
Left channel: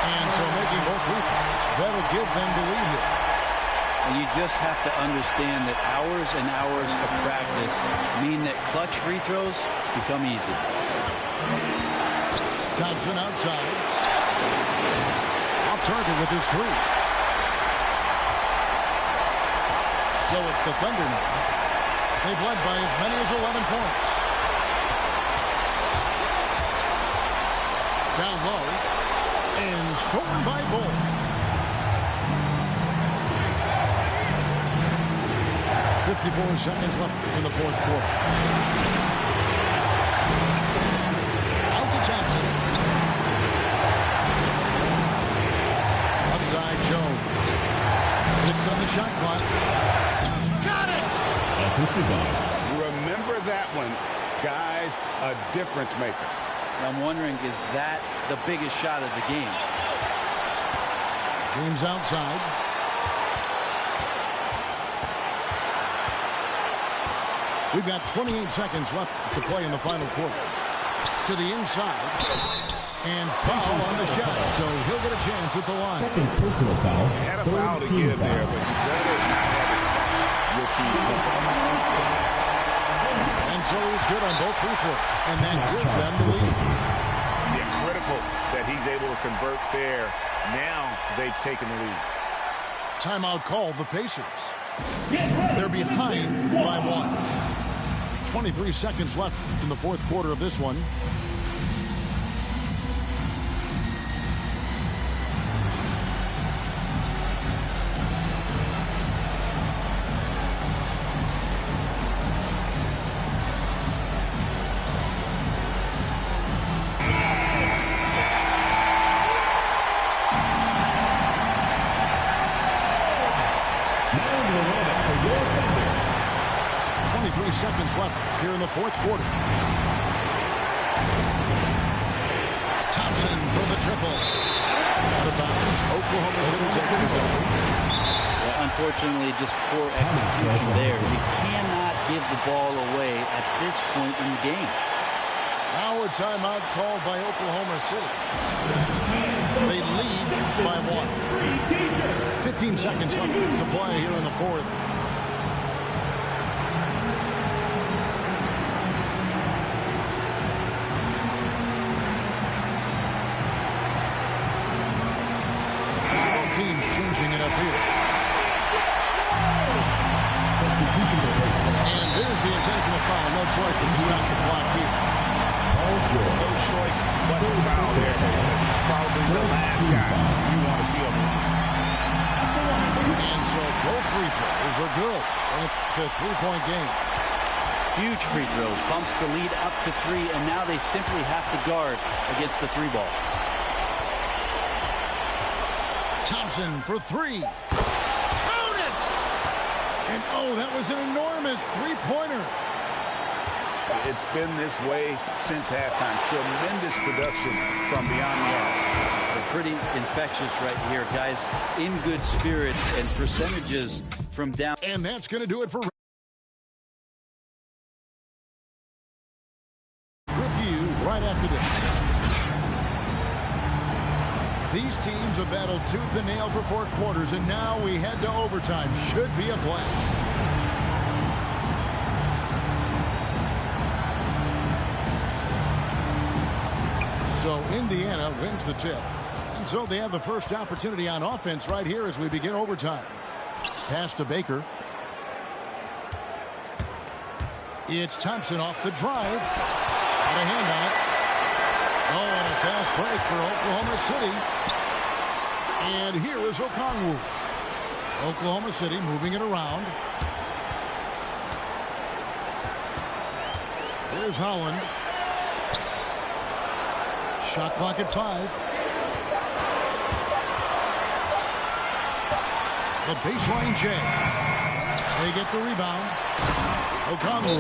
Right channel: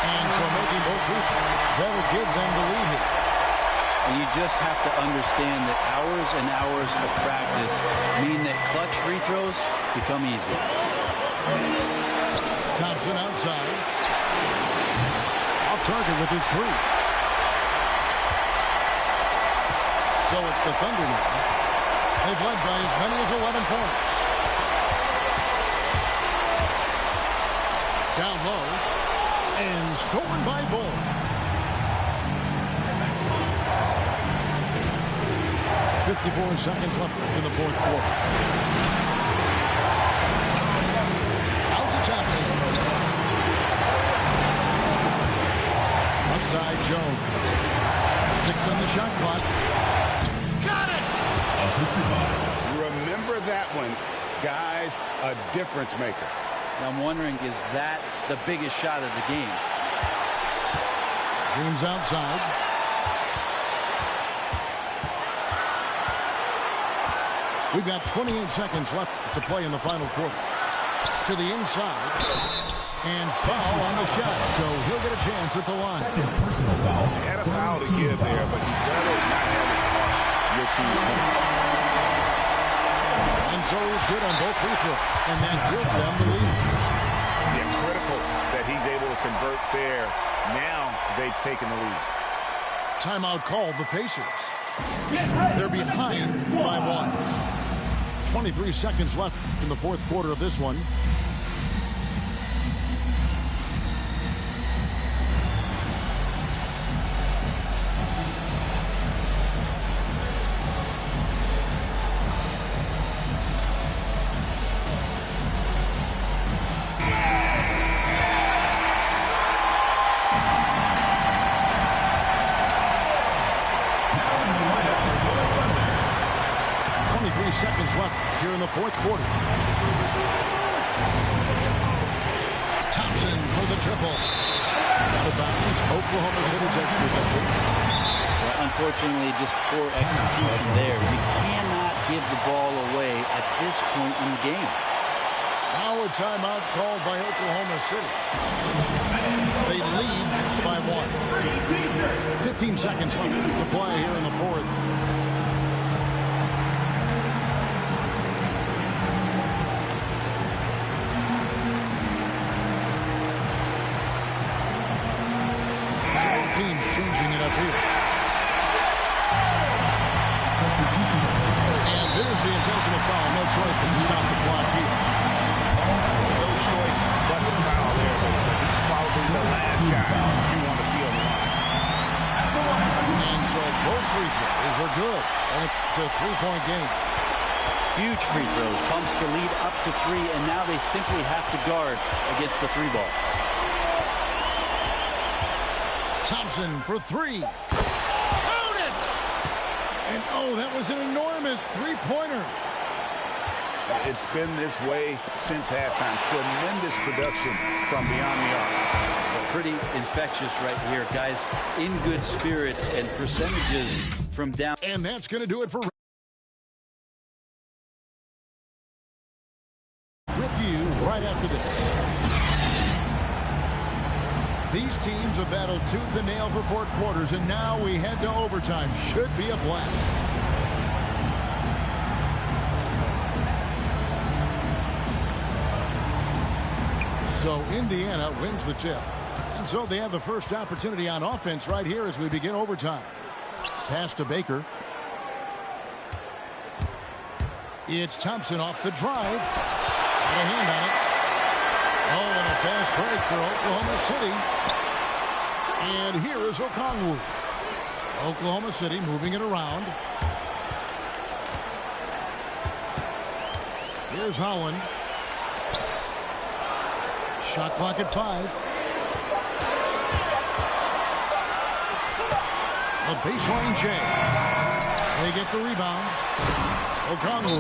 And so making both free throws, that'll give them the lead here. And you just have to understand that hours and hours of practice mean that clutch free throws become easy. Thompson outside. Off target with his 3. So it's the Thunder now. They've led by as many as 11 points. Down low. And stolen by Bull. .54 seconds left in the fourth quarter. Out to Thompson. Outside Jones. 6 on the shot clock. Got it! Assisted by. Remember that one. Guys, a difference maker. I'm wondering, is that the biggest shot of the game? James outside. We've got 28 seconds left to play in the final quarter. To the inside. And foul on the shot, so he'll get a chance at the line. Second personal foul. You had a foul to give there, but you better not have it cost your team points. And so he's good on both free throws, and that gives them the lead. Yeah, critical that he's able to convert there. Now they've taken the lead. Timeout called the Pacers. They're behind by 1. 23 seconds left in the fourth quarter of this one. Seconds left here in the fourth quarter. Thompson for the triple. Out of bounds. Oklahoma City takes possession. Yeah, unfortunately, just poor execution there. You cannot give the ball away at this point in the game. Now a timeout called by Oklahoma City. They lead by 1. 15 seconds left to play here in the fourth. teams changing it up here. Substitution for Pacers. And there's the intentional foul. No choice but to stop the clock here. No choice but to foul there, but he's probably the last guy you want to see on the line. And so both free throws are good. And it's a three-point game. Huge free throws. Bumps the lead up to 3, and now they simply have to guard against the 3-ball. Thompson for 3. Count it! And oh, that was an enormous three-pointer. It's been this way since halftime. Tremendous production from beyond the arc. They're pretty infectious right here. Guys in good spirits and percentages from down. And that's going to do it for with you right after this. These teams have battled tooth and nail for 4 quarters, and now we head to overtime. Should be a blast. So Indiana wins the tip. And so they have the first opportunity on offense right here as we begin overtime. Pass to Baker. It's Thompson off the drive. Got a hand on it. Oh, and a fast break for Oklahoma City. And here is Okongwu. Oklahoma City moving it around. Here's Holland. Shot clock at 5. The baseline J. They get the rebound. Okongwu.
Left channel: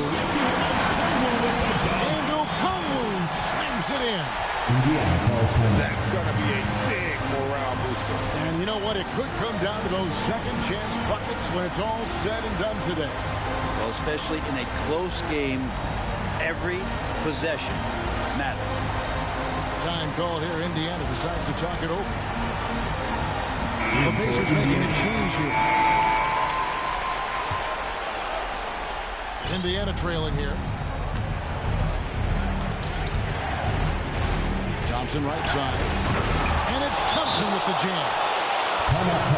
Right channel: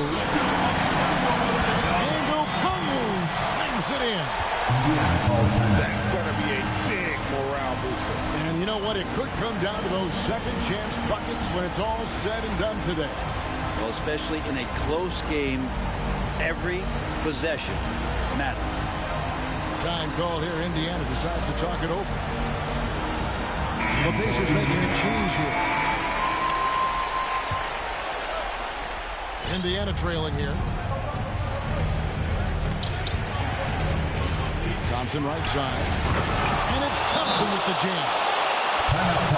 And Okongwu slams it in. Indiana calls timeout. That's going to be a big morale booster. And you know what? It could come down to those second chance buckets when it's all said and done today. Well, especially in a close game, every possession matters. Time called here. Indiana decides to talk it over. The Pacers making a change here. Indiana trailing here. Thompson right side. And it's Thompson with the jam.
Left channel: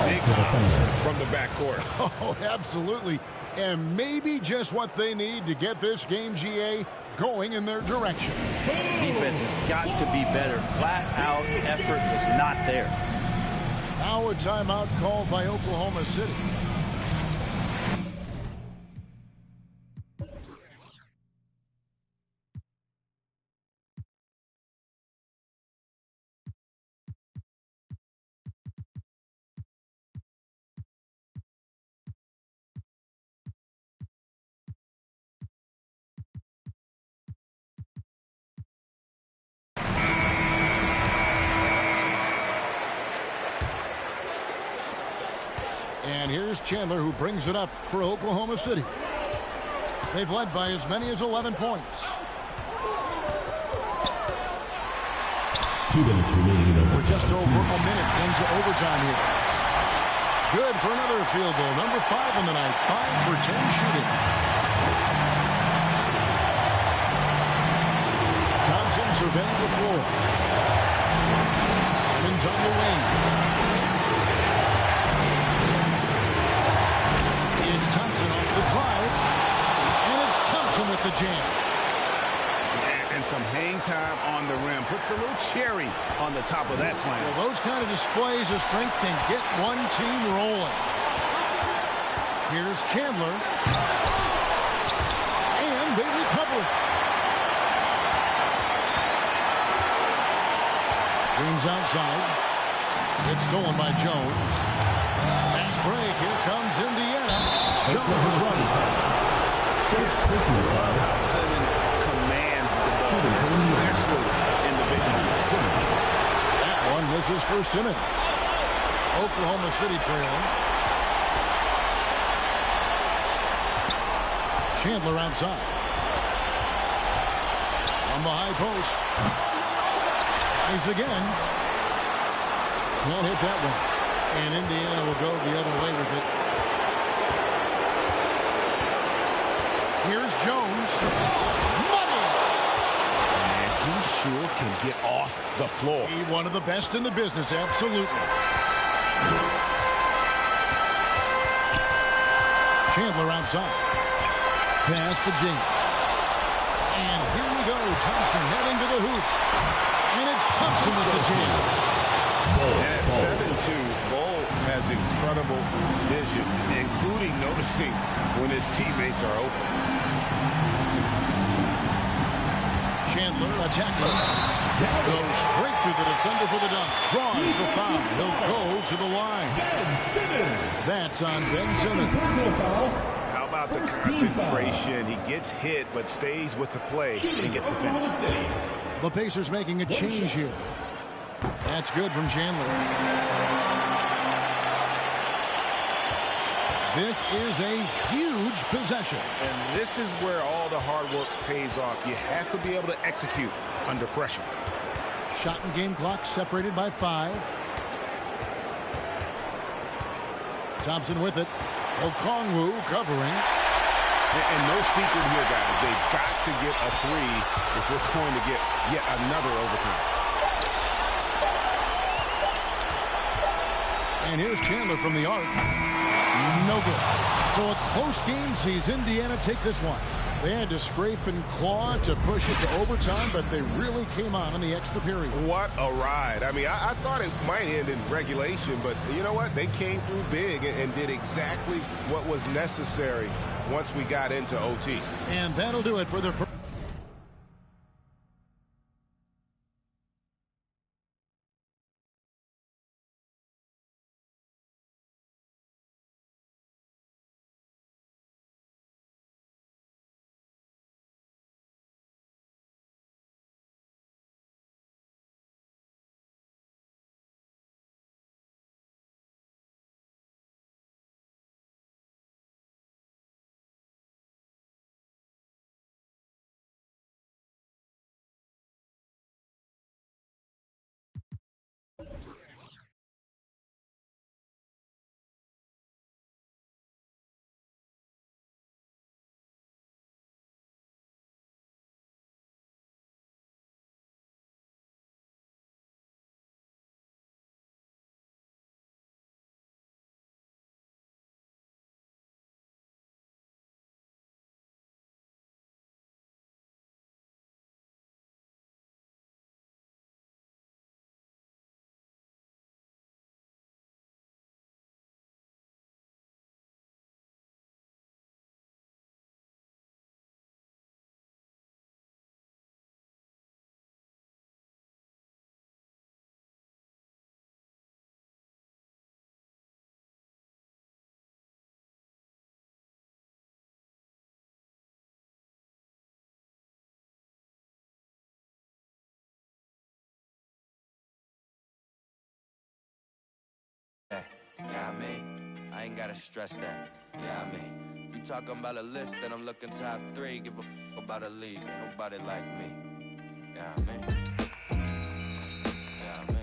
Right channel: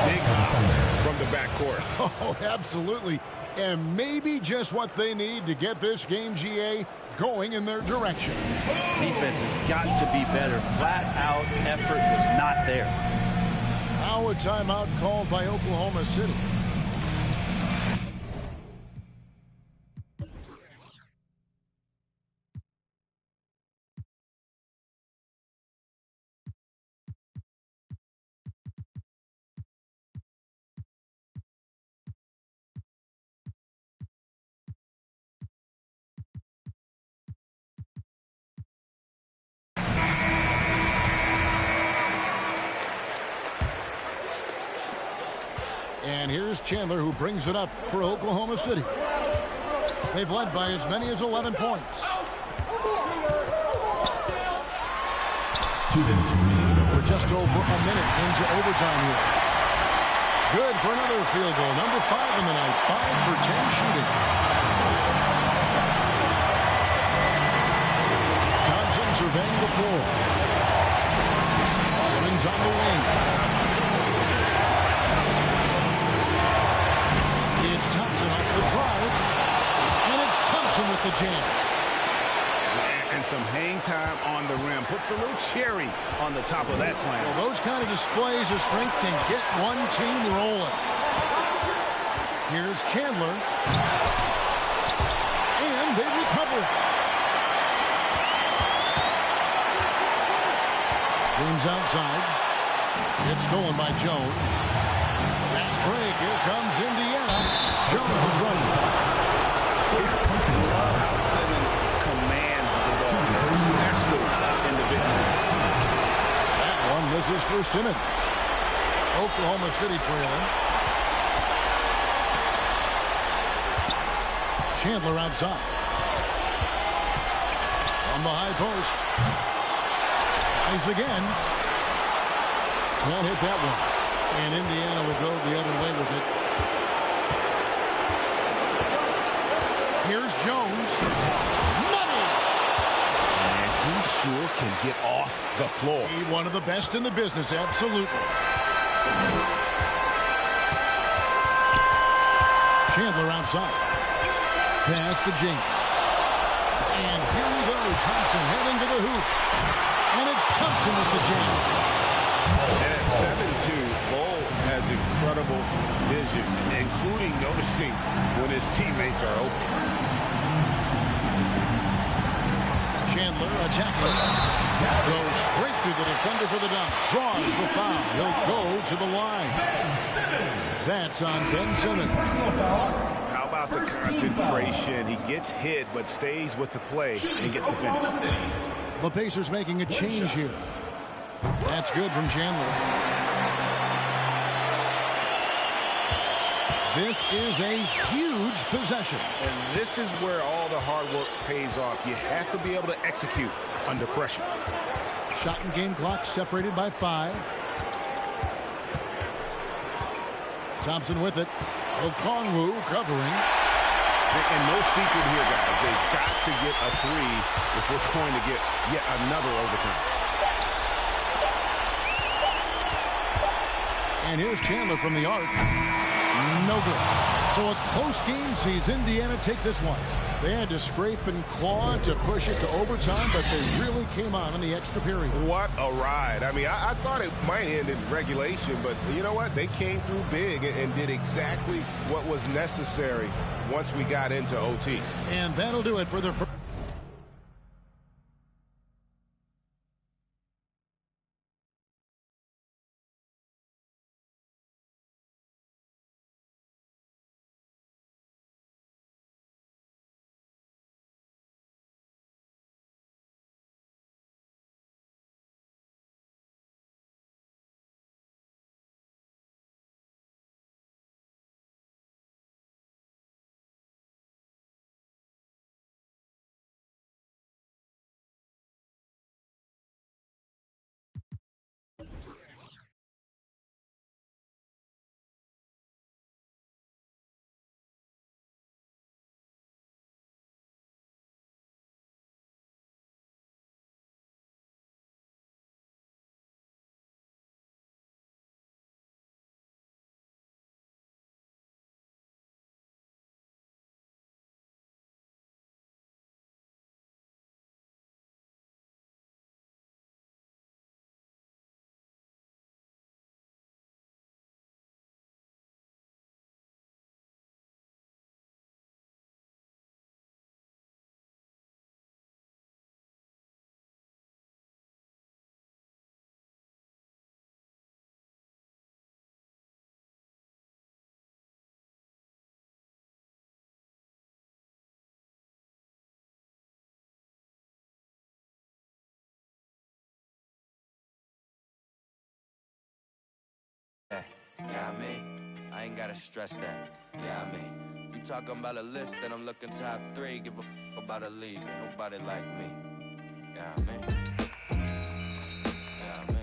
Big hops from the backcourt. Oh, absolutely. And maybe just what they need to get this game, GA, going in their direction. Defense has got to be better. Flat out effort was not there. Now a timeout called by Oklahoma City. And here's Chandler, who brings it up for Oklahoma City. They've led by as many as 11 points. 2 minutes remaining. We're just over a minute into overtime here. Good for another field goal. Number 5 in the night. 5 for 10 shooting. Thompson surveying the floor. Simmons on the wing. It's Thompson off the drive. And it's Thompson with the jam. And some hang time on the rim. Puts a little cherry on the top of that slam. Well, those kind of displays of strength can get one team rolling. Here's Chandler. And they recover it. James outside. It's stolen by Jones. Fast break. Here comes Indiana. Jones is running. Love how Simmons commands the ball, especially in the big moments. That one misses for Simmons. Oklahoma City trailing. Chandler outside. From the high post. Tries again. Can't hit that one. And Indiana will go the other way with it. Here's Jones. Money! And he sure can get off the floor. One of the best in the business, absolutely. Chandler outside. Pass to James. And here we go. Thompson heading to the hoop. And it's Thompson with the jam. And at 7'2", Bol has incredible vision, including noticing when his teammates are open. Chandler attacking. Goes straight through the defender for the dunk. Draws the foul. He'll go to the line. That's on Ben Simmons. How about the concentration? He gets hit but stays with the play and gets the finish. The Pacers making a change here. That's good from Chandler. This is a huge possession. And this is where all the hard work pays off. You have to be able to execute under pressure. Shot and game clock separated by 5. Thompson with it. Okongwu covering. And no secret here, guys. They've got to get a 3 if we're going to get yet another overtime. And here's Chandler from the arc. No good. So a close game sees Indiana take this one. They had to scrape and claw to push it to overtime, but they really came on in the extra period. What a ride. I mean, I thought it might end in regulation, but you know what? They came through big and did exactly what was necessary once we got into OT. And that'll do it for the first. Yeah, I mean, I ain't gotta stress that. Yeah, I mean, if you talking about a list, then I'm looking top 3. Give a f about a league, ain't nobody like me. Yeah, I mean. Yeah, I mean.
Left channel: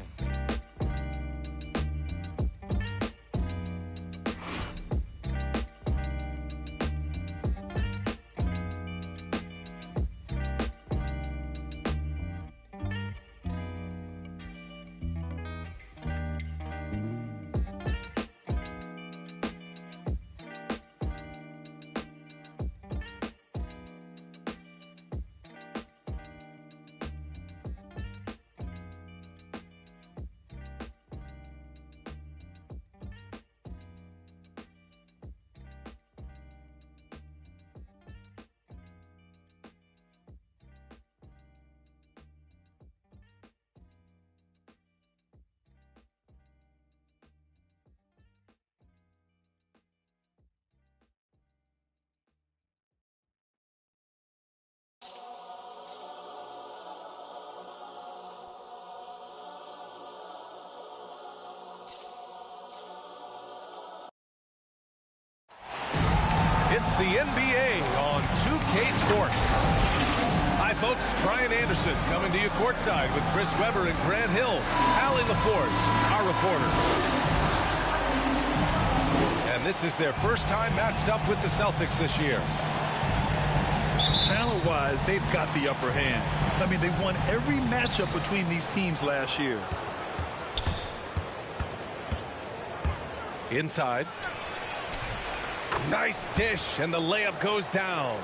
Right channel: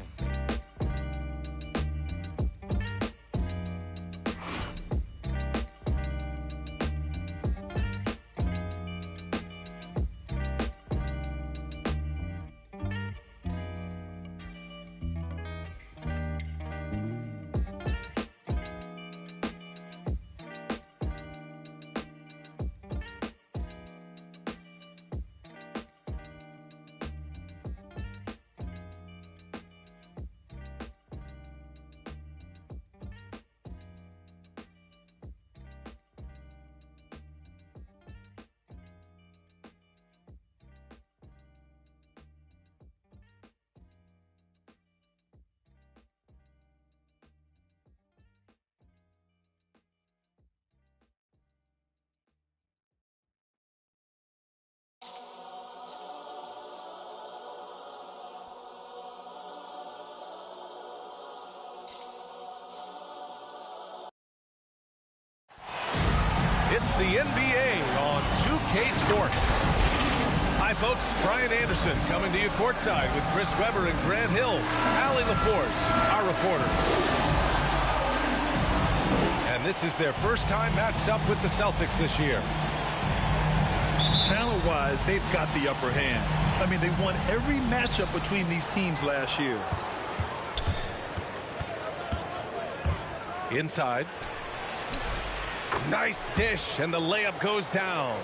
It's the NBA on 2K Sports. Hi, folks. Brian Anderson coming to you courtside with Chris Webber and Grant Hill. Allie LaForce, our reporter. And this is their first time matched up with the Celtics this year. Talent-wise, they've got the upper hand. I mean, they won every matchup between these teams last year. Inside. Nice dish, and the layup goes down.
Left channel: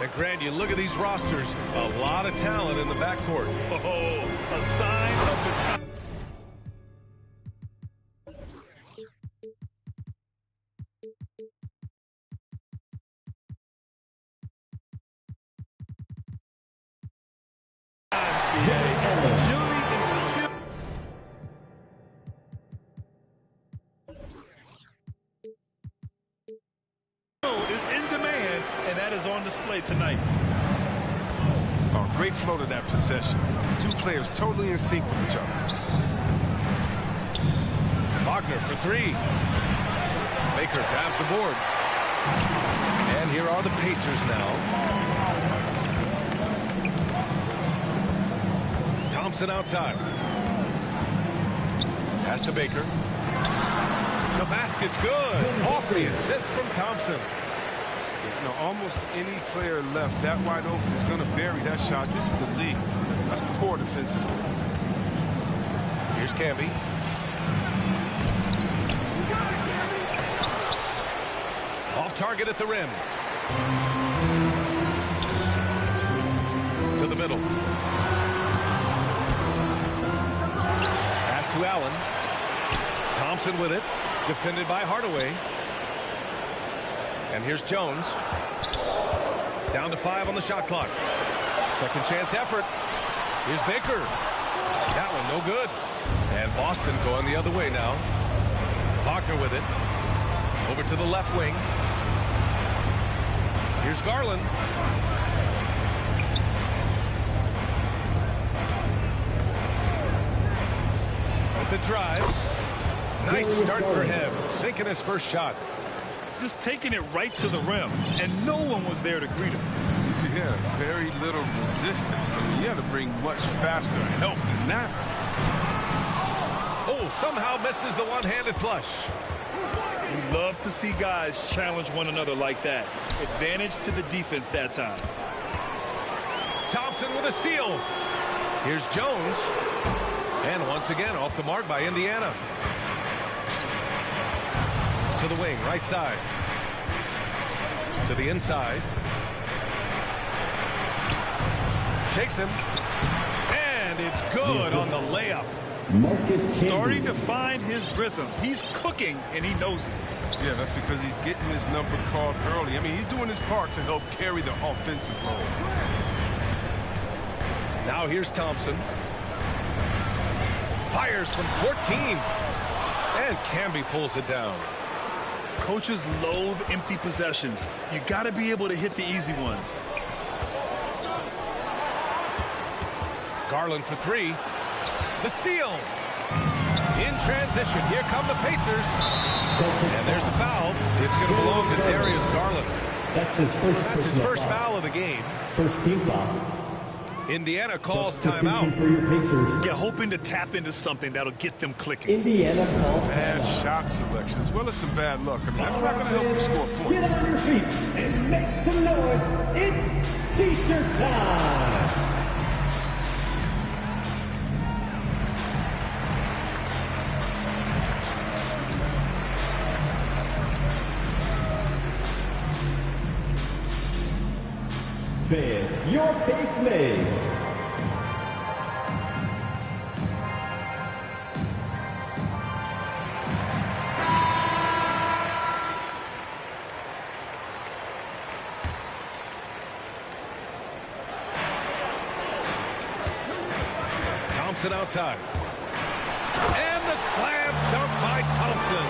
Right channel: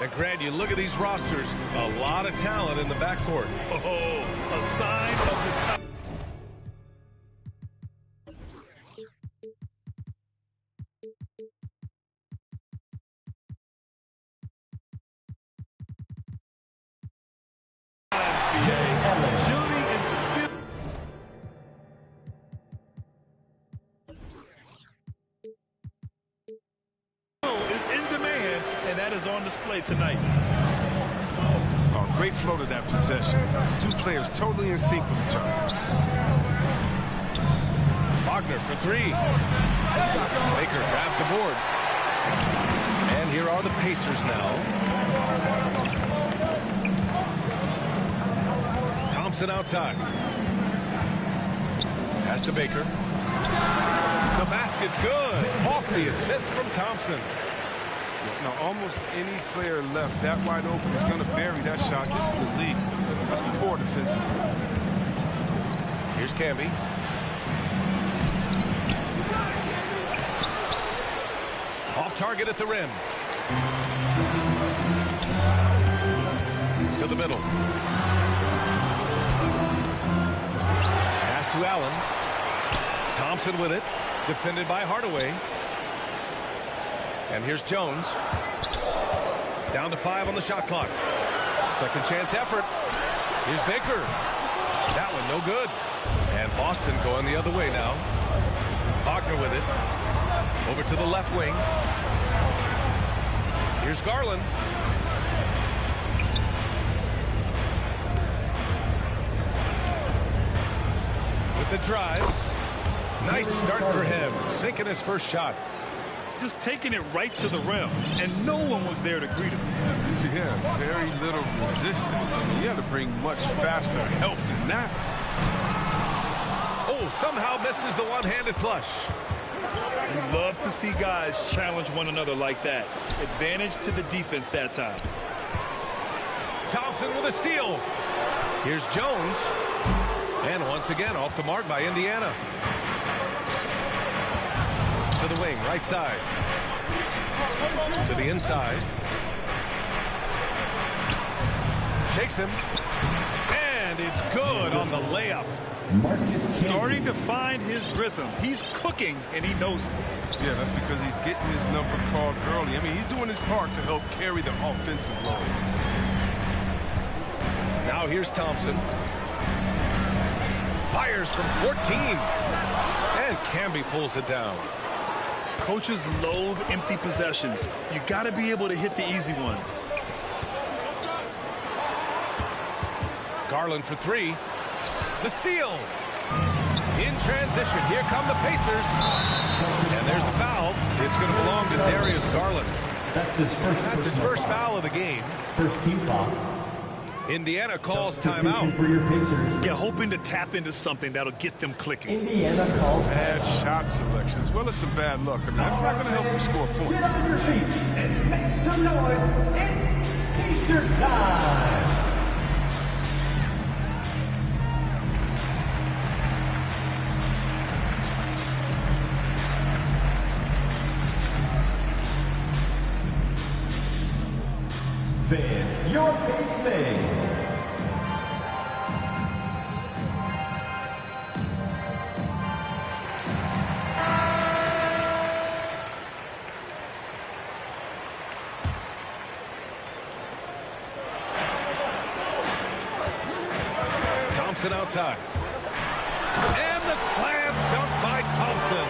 And Grant, you look at these rosters, a lot of talent in the backcourt. Oh, a sign of the time. Agility and skill. Is in demand, and that is on display tonight. Oh, great flow to that possession. Two players totally in sync with each other. Wagner for three. Baker grabs the board. And here are the Pacers now. Thompson outside. Pass to Baker. The basket's good. Off the assist from Thompson. Yeah, no, almost any player left that wide open is going to bury that shot. This is the lead. That's poor defensive work. Here's Camby. Off target at the rim. To the middle. Pass to Allen. Thompson with it. Defended by Hardaway. And here's Jones. Down to 5 on the shot clock. Second chance effort. Here's Baker. That one no good. And Boston going the other way now. Wagner with it. Over to the left wing. Here's Garland. With the drive. Nice start for him. Sinking his first shot. Just taking it right to the rim, and no one was there to greet him. Yeah, very little resistance. I mean, you got to bring much faster help than that. Oh, somehow misses the one-handed flush. We love to see guys challenge one another like that. Advantage to the defense that time. Thompson with a steal. Here's Jones. And once again, off the mark by Indiana. To the wing, right side. To the inside. Shakes him. And it's good on the layup. Starting to find his rhythm. He's cooking, and he knows it. Yeah, that's because he's getting his number called early. I mean, he's doing his part to help carry the offensive load. Now here's Thompson. Fires from 14. And Camby pulls it down. Coaches loathe empty possessions. You got to be able to hit the easy ones. Garland for three. The steal. In transition. Here come the Pacers. And there's the foul. It's going to belong to Darius Garland. That's his first foul of the game. First team foul. Indiana calls timeout. For your Pacers. Yeah, hoping to tap into something that'll get them clicking. Indiana calls bad shot selection as well as some bad luck. I mean, that's not going to help you score points. Get on your feet and make some noise. It's T-shirt time. Fans, your base mates. Thompson outside. And the slam dunk by Thompson.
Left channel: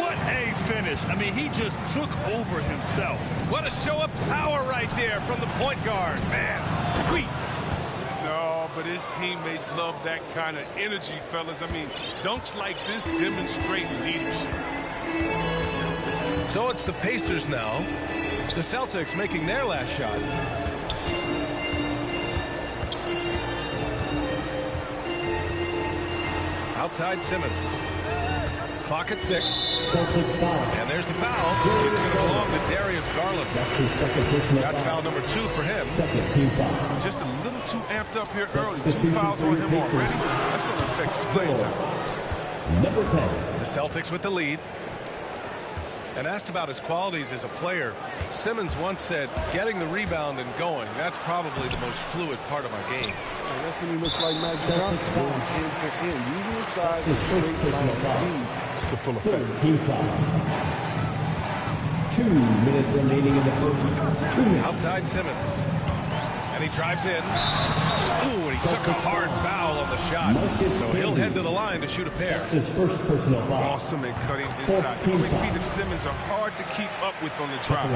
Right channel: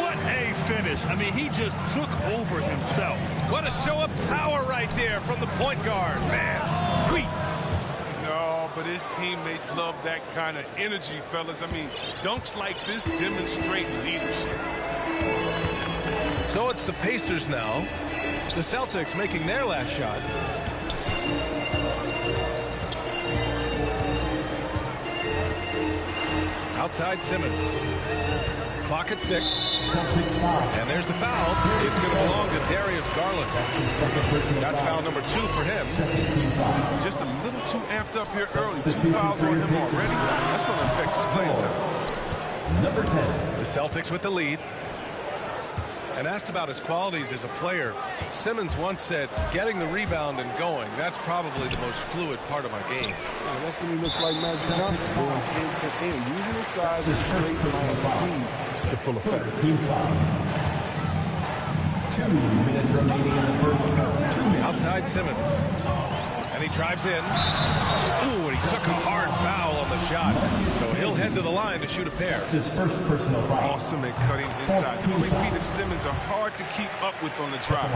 What a finish. I mean, he just took over himself. What a show of power right there from the point guard. Man, sweet. No, but his teammates love that kind of energy, fellas. I mean, dunks like this demonstrate leadership. So it's the Pacers now. The Celtics making their last shot. Outside Simmons. Clock at 6. Celtics foul. And there's the foul. It's going to belong to Darius Garland. That's his second personal That's foul number 2 for him. Second team foul. Just a little too amped up here early. 2 fouls on him already. That's going to affect his playing time. Number 10. The Celtics with the lead. And asked about his qualities as a player, Simmons once said, getting the rebound and going, that's probably the most fluid part of my game. Well, that's when he looks like Magic Johnson, going end to end, using his size and straight line speed to full effect. Team foul. 2 minutes remaining in the first. 2 minutes. Outside Simmons. And he drives in. Ooh, and he took a hard foul on the shot. So he'll head to the line to shoot a pair. His first personal foul. Awesome at cutting inside. The quick feet of Simmons are hard to keep up with on the drive.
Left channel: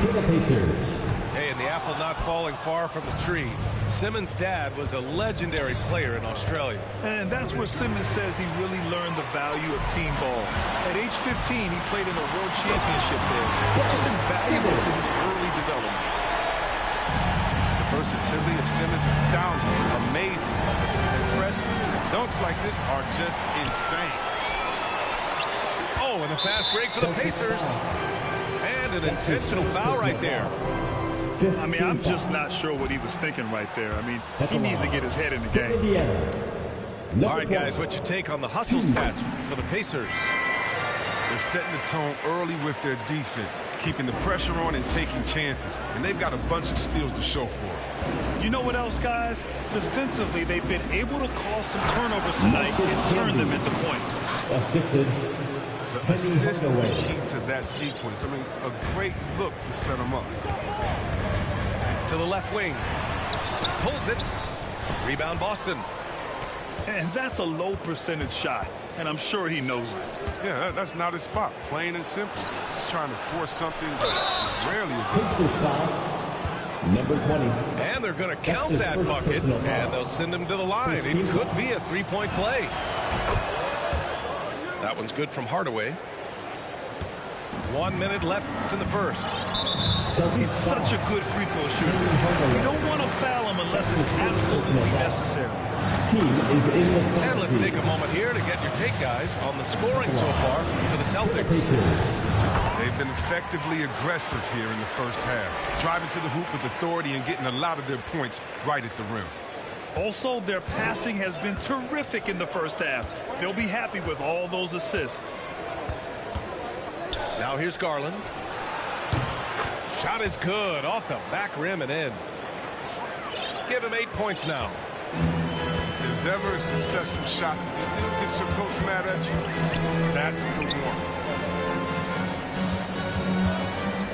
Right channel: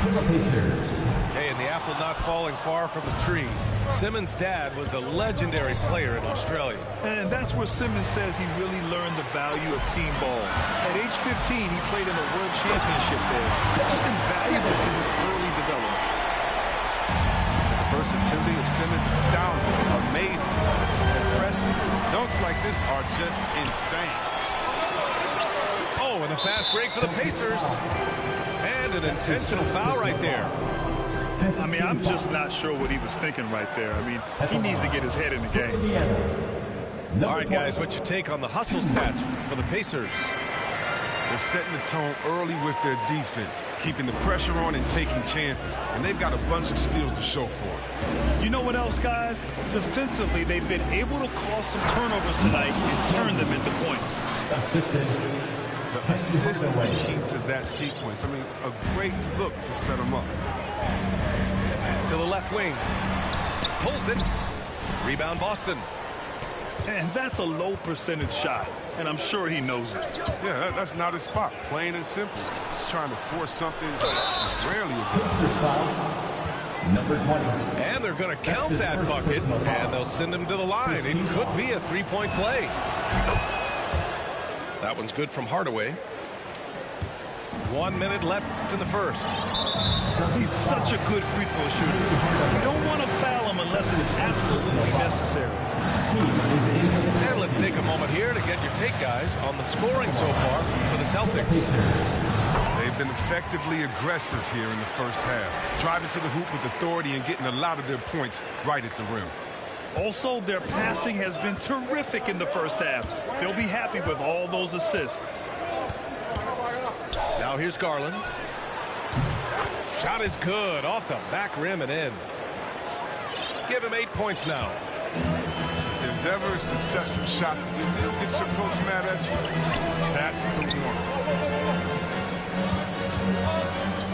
For the Pacers. Hey, and the apple not falling far from the tree. Simmons' dad was a legendary player in Australia. And that's where Simmons says he really learned the value of team ball. At age 15, he played in a world championship there. Just invaluable to his early development. The versatility of Simmons is astounding, amazing, impressive. Dunks like this are just insane. Oh, and a fast break for the Pacers. And an intentional foul right there. I mean, I'm just not sure what he was thinking right there. I mean, he needs to get his head in the game. All right, guys, what's your take on the hustle stats for the Pacers? They're setting the tone early with their defense, keeping the pressure on and taking chances. And they've got a bunch of steals to show for it. You know what else, guys? Defensively, they've been able to cause some turnovers tonight and turn them into points. Assisted. The assist is the key to that sequence. I mean, a great look to set them up. To the left wing. Pulls it. Rebound Boston. And that's a low percentage shot, and I'm sure he knows it. Yeah, that's not his spot. Plain and simple. He's trying to force something that's rarely a good. Pacers foul. Number 20. And they're going to count that bucket, and they'll send him to the line. It could be a three-point play. That one's good from Hardaway. 1 minute left in the first. He's such a good free throw shooter. You don't want to foul him unless it's absolutely necessary. And let's take a moment here to get your take, guys, on the scoring so far for the Celtics. They've been effectively aggressive here in the first half, driving to the hoop with authority and getting a lot of their points right at the rim. Also, their passing has been terrific in the first half. They'll be happy with all those assists. Now here's Garland. Shot is good off the back rim and in. Give him 8 points now. If there's ever a successful shot that still gets your coach mad at you, that's the one.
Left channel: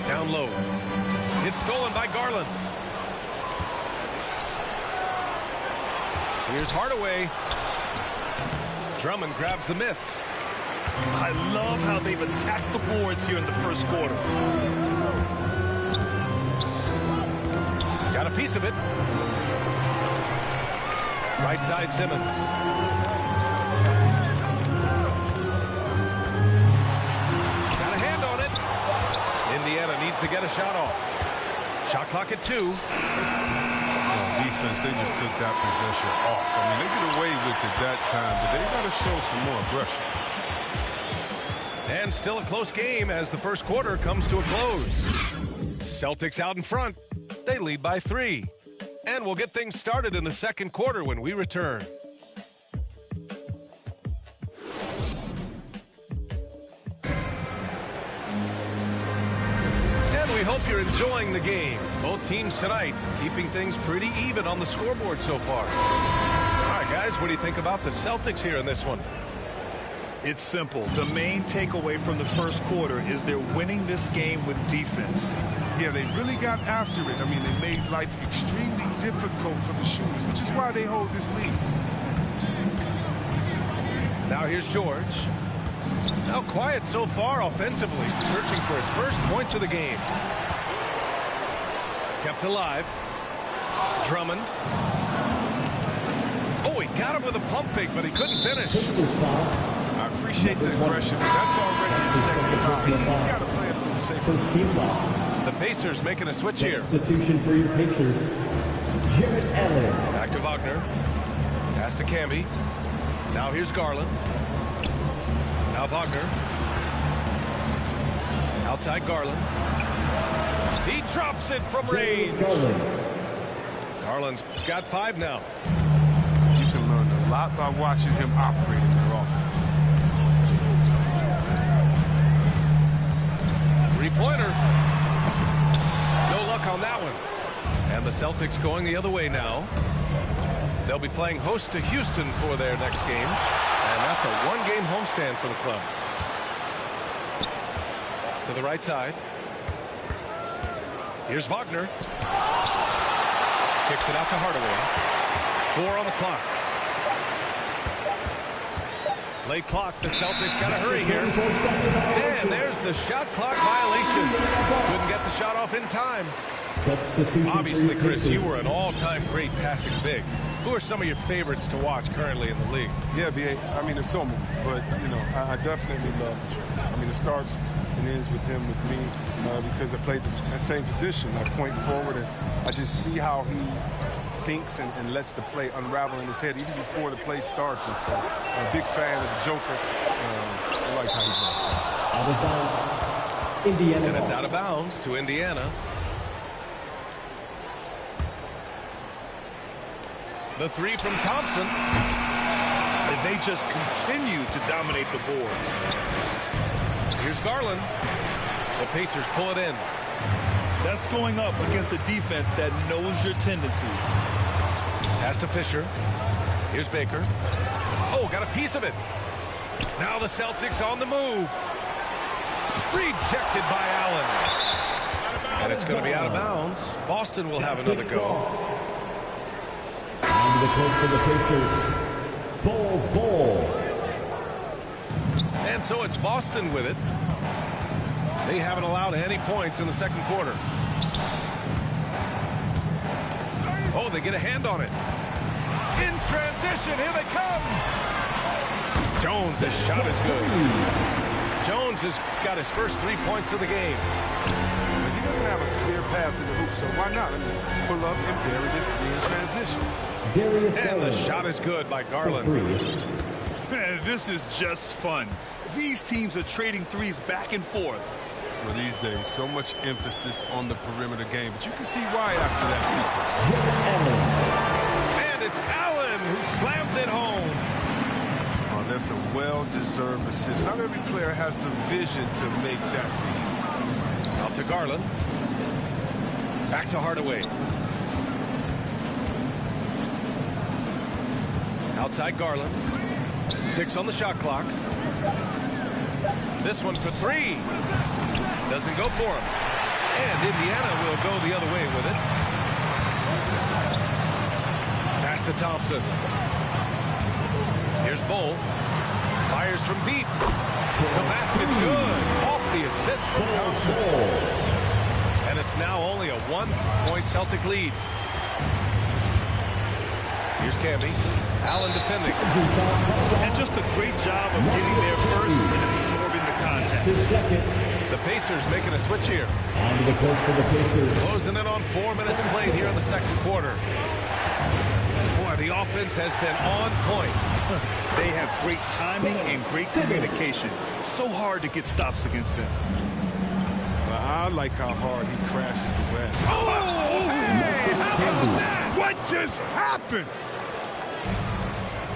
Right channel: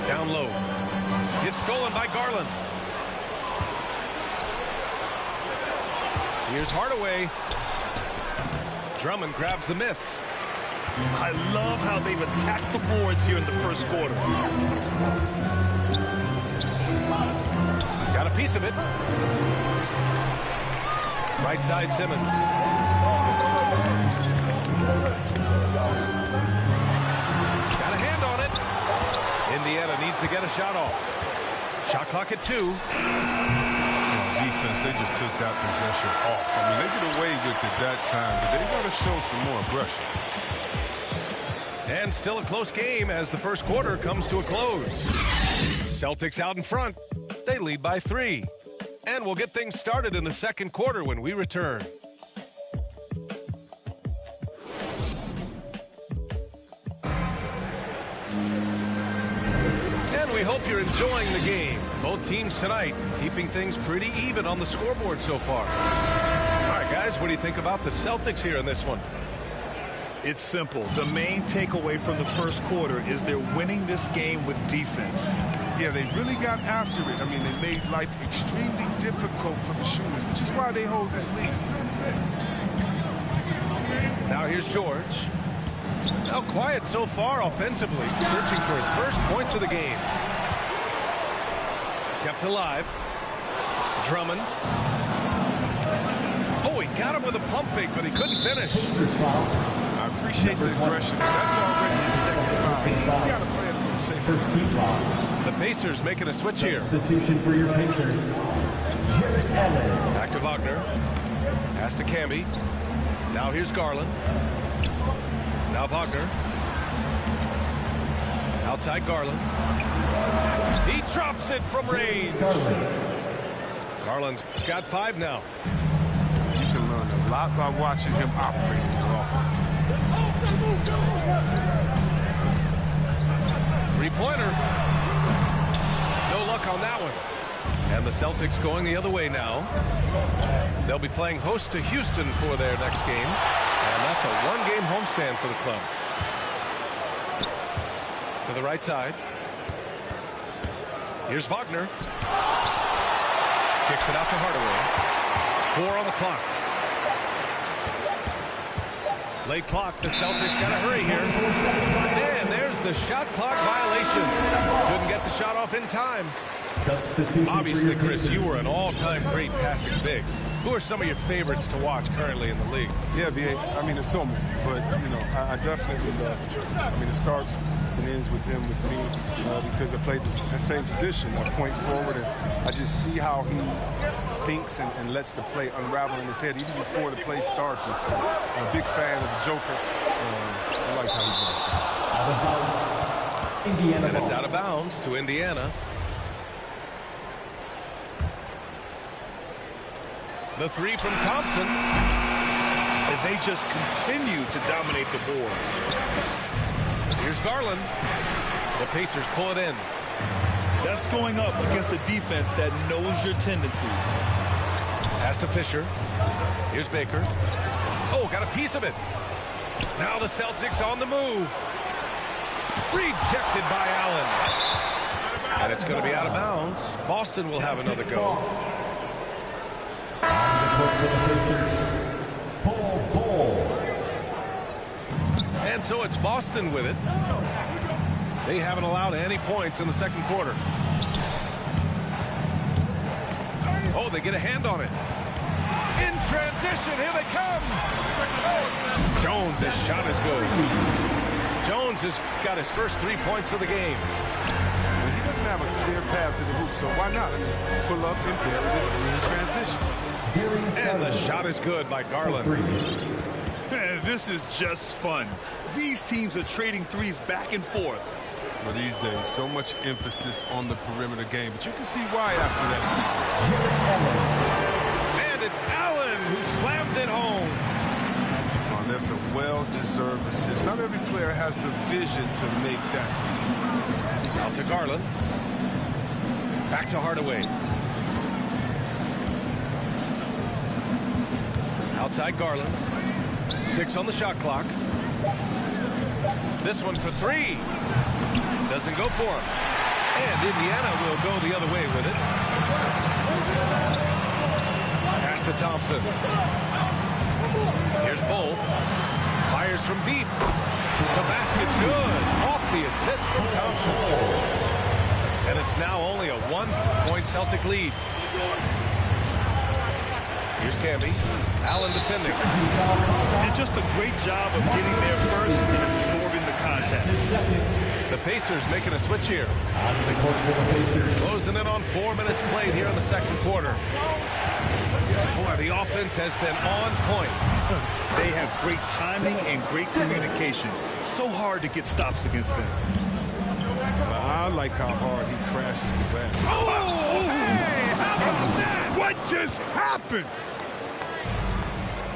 Down low. It's stolen by Garland. Here's Hardaway. Drummond grabs the miss. I love how they've attacked the boards here in the first quarter. Got a piece of it. Right side Simmons. Got a hand on it. Indiana needs to get a shot off. Shot clock at 2. Defense, they just took that possession off. I mean, they get away with it that time, but they got to show some more aggression. And still a close game as the first quarter comes to a close. Celtics out in front. They lead by 3. And we'll get things started in the second quarter when we return. And we hope you're enjoying the game. Both teams tonight keeping things pretty even on the scoreboard so far. All right, guys, what do you think about the Celtics here in this one? It's simple. The main takeaway from the first quarter is they're winning this game with defense. Yeah, they really got after it. I mean, they made life extremely difficult for the shooters, which is why they hold this lead. Now here's George. Now quiet so far offensively, searching for his first points of the game. Kept alive. Drummond. Oh, he got him with a pump fake, but he couldn't finish. I appreciate the aggression, but that's already his second foul. He's got to play it a little safer. First team foul. The Pacers making a switch here. Substitution for your Pacers. Jarrett Allen. Back to Wagner. Pass to Camby. Now here's Garland. Now Wagner. Outside Garland. He drops it from range. Garland's got 5 now. You can learn a lot by watching him operate in your offense. Three-pointer. No luck on that one. And the Celtics going the other way now. They'll be playing host to Houston for their next game. And that's a one-game homestand for the club. To the right side. Here's Wagner. Kicks it out to Hardaway. 4 on the clock. Late clock. The Celtics got to hurry here. And there's the shot clock violation. Couldn't get the shot off in time. Obviously, Chris, you were an all-time great passing big. Who are some of your favorites to watch currently in the league? Yeah, B.A., I mean, it's so many. But, you know, I definitely love the trade. I mean, it starts and ends with him, with me, because I played the same position. I point forward, and I just see how he thinks and lets the play unravel in his head even before the play starts. And so I'm a big fan of the Joker. I like how he draws guys. Out of bounds, Indiana. And it's out of bounds to Indiana. The three from Thompson. And they just continue to dominate the boards. Here's Garland. The Pacers pull it in. That's going up against a defense that knows your tendencies. Pass to Fisher. Here's Baker. Oh, got a piece of it. Now the Celtics on the move. Rejected by Allen. And it's going to be out of bounds. Boston will have another go. On the court for the Pacers, Bol. And so it's Boston with it. They haven't allowed any points in the second quarter. Oh, they get a hand on it. In transition, here they come. Jones, his shot is good. Jones has got his first 3 points of the game. Well, he doesn't have a clear path to the hoop, so why not? I mean, pull up and bury the three in transition. And the shot is good by Garland. This is just fun. These teams are trading threes back and forth. Well, these days, so much emphasis on the perimeter game, but you can see why after that sequence. And it's Allen who slams it home. Oh, that's a well-deserved assist. Not every player has the vision to make that for you. Out to Garland. Back to Hardaway. Outside Garland. 6 on the shot clock. This one for 3. Doesn't go for him. And Indiana will go the other way with it. Pass to Thompson. Here's Bol. Fires from deep. The basket's good. Off the assist from Thompson. And it's now only a 1-point Celtic lead. Here's Camby. Allen defending. And just a great job of getting there first and absorbing the contact. The Pacers making a switch here. On the court for the Pacers. Closing in on 4 minutes played here in the second quarter. Boy, the offense has been on point. They have great timing and great communication. So hard to get stops against them. Well, I like how hard he crashes the glass. Oh, hey, how about that? What just happened?